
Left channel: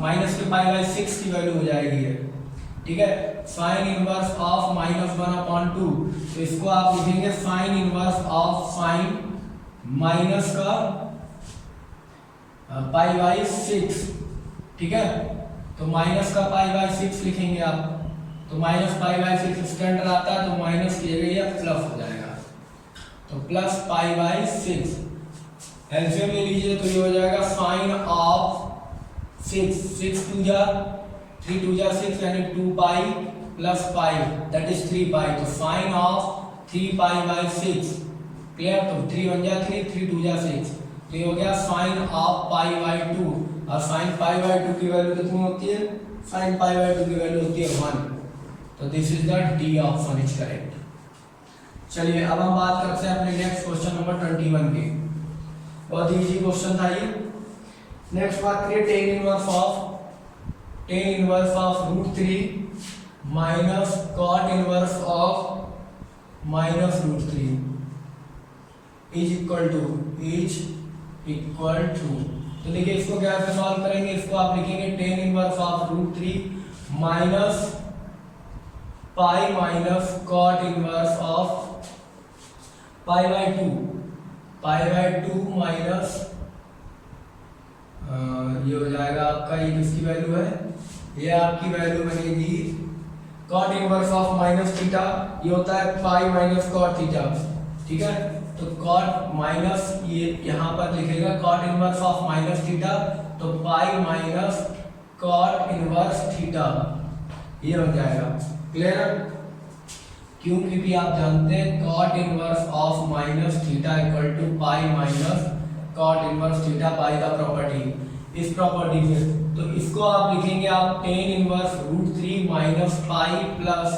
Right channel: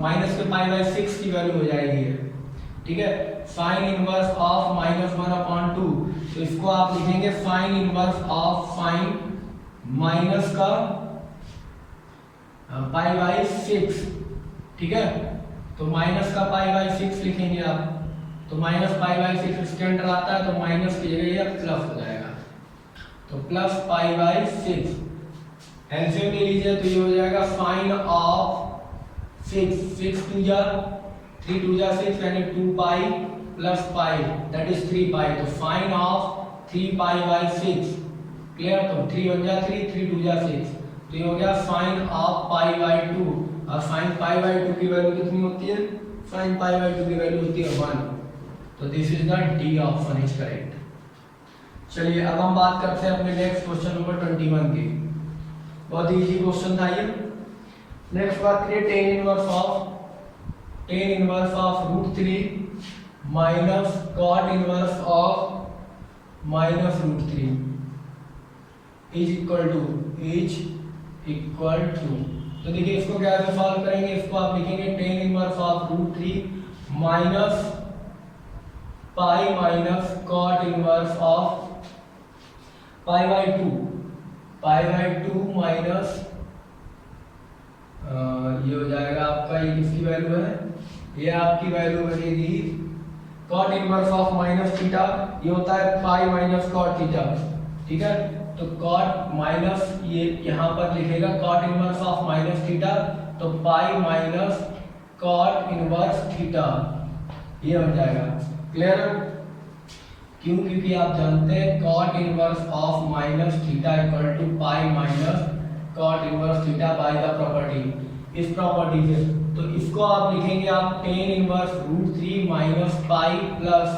माइनस के पाई बाई 6 की वैल्यू हो जाएगी, ठीक है। साइन इनवर्स ऑफ माइनस 1/2, तो इसको आप लिखेंगे sine inverse of sine minus का पाई बाई 6, ठीक है। तो माइनस का पाई बाई 6 लिखेंगे आप, तो -π/6 इसके अंदर आता है, तो माइनस की जगह ये प्लस हो जाएगा, तो प्लस π/6। एलसीएम ले लीजिए तो ये हो जाएगा साइन ऑफ 6 2 जा 3 2 जा 6 यानी 2π प्लस पाई दैट इज 3π, तो साइन ऑफ 3π/6 क्लियर। तो 3 1 जा 3 3 2 जा 6, तो ये हो गया साइन ऑफ π/2, और साइन π/2 की वैल्यू कितनी होती है, साइन π/2 की वैल्यू होती है 1, तो this is the D option is correct. चलिए अब हम बात करते हैं अपने नेक्स्ट क्वेश्चन नंबर 21 की। बहुत इजी क्वेश्चन था ये। नेक्स्ट बात करिए tan inverse of √3 minus cot inverse of -√3 is equal to, तो देखिए इसको कैसे सॉल्व करेंगे, इसको आप लिखेंगे tan inverse of √3 minus pi minus cot inverse of π/2 minus ये हो जाएगा आपका, ये किसकी वैल्यू है, ये आपकी वैल्यू बनेगी cot इनवर्स ऑफ -θ, ये होता है पाई माइनस cot थीटा, ठीक है। तो cot माइनस ये यहाँ पर लिखेगा cot इनवर्स ऑफ -θ, तो पाई माइनस cot इनवर्स थीटा, ये हो जाएगा क्लियर। क्यों, क्योंकि आप जानते हैं cot inverse of -θ equal to pi minus cot inverse theta by the property, इस प्रॉपर्टी से। तो इसको आप लिखेंगे आप tan inverse √3 minus pi plus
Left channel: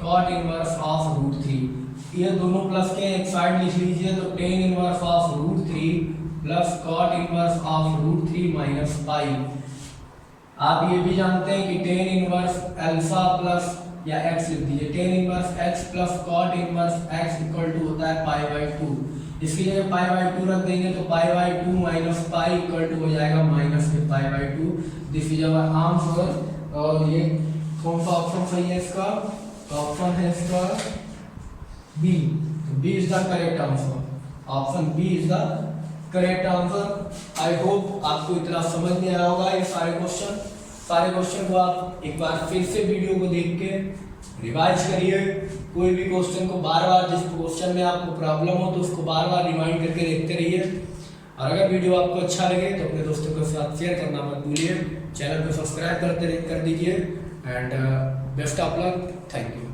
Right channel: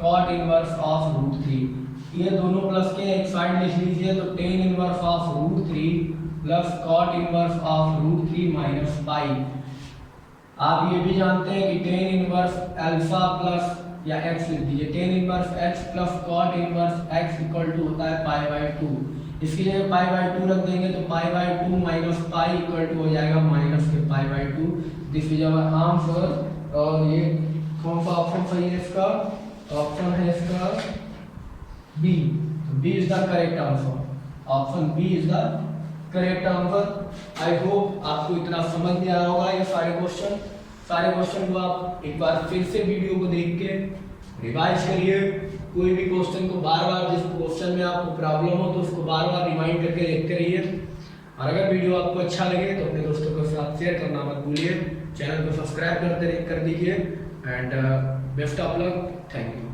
cot inverse of √3, ये दोनों प्लस के एक साइड लिख लीजिए, तो tan inverse of √3 plus cot inverse of √3 minus pi. आप ये भी जानते हैं कि tan इनवर्स अल्फा प्लस या x लिख दीजिए, tan inverse x plus cot inverse x equal to होता है π/2, इसकी जगह π/2 रख देंगे तो π/2 माइनस पाई इक्वल टू हो जाएगा माइनस के π/2, दिस इज आवर आंसर। और ये कौन सा ऑप्शन सही है इसका, ऑप्शन है इसका B, B is the correct answer, option B is the correct answer. I hope आपको इतना समझ में आया होगा ये सारे क्वेश्चन को आप एक बार फिर से वीडियो को देख के रिवाइज करिए, कोई भी क्वेश्चन को बार बार, जिस क्वेश्चन में आपको प्रॉब्लम हो तो उसको बार बार रिमाइंड करके देखते रहिए। और अगर वीडियो आपको अच्छा लगे तो अपने दोस्तों के साथ शेयर करना मत भूलिए, चैनल को सब्सक्राइब कर दीजिए and best of luck, thank you.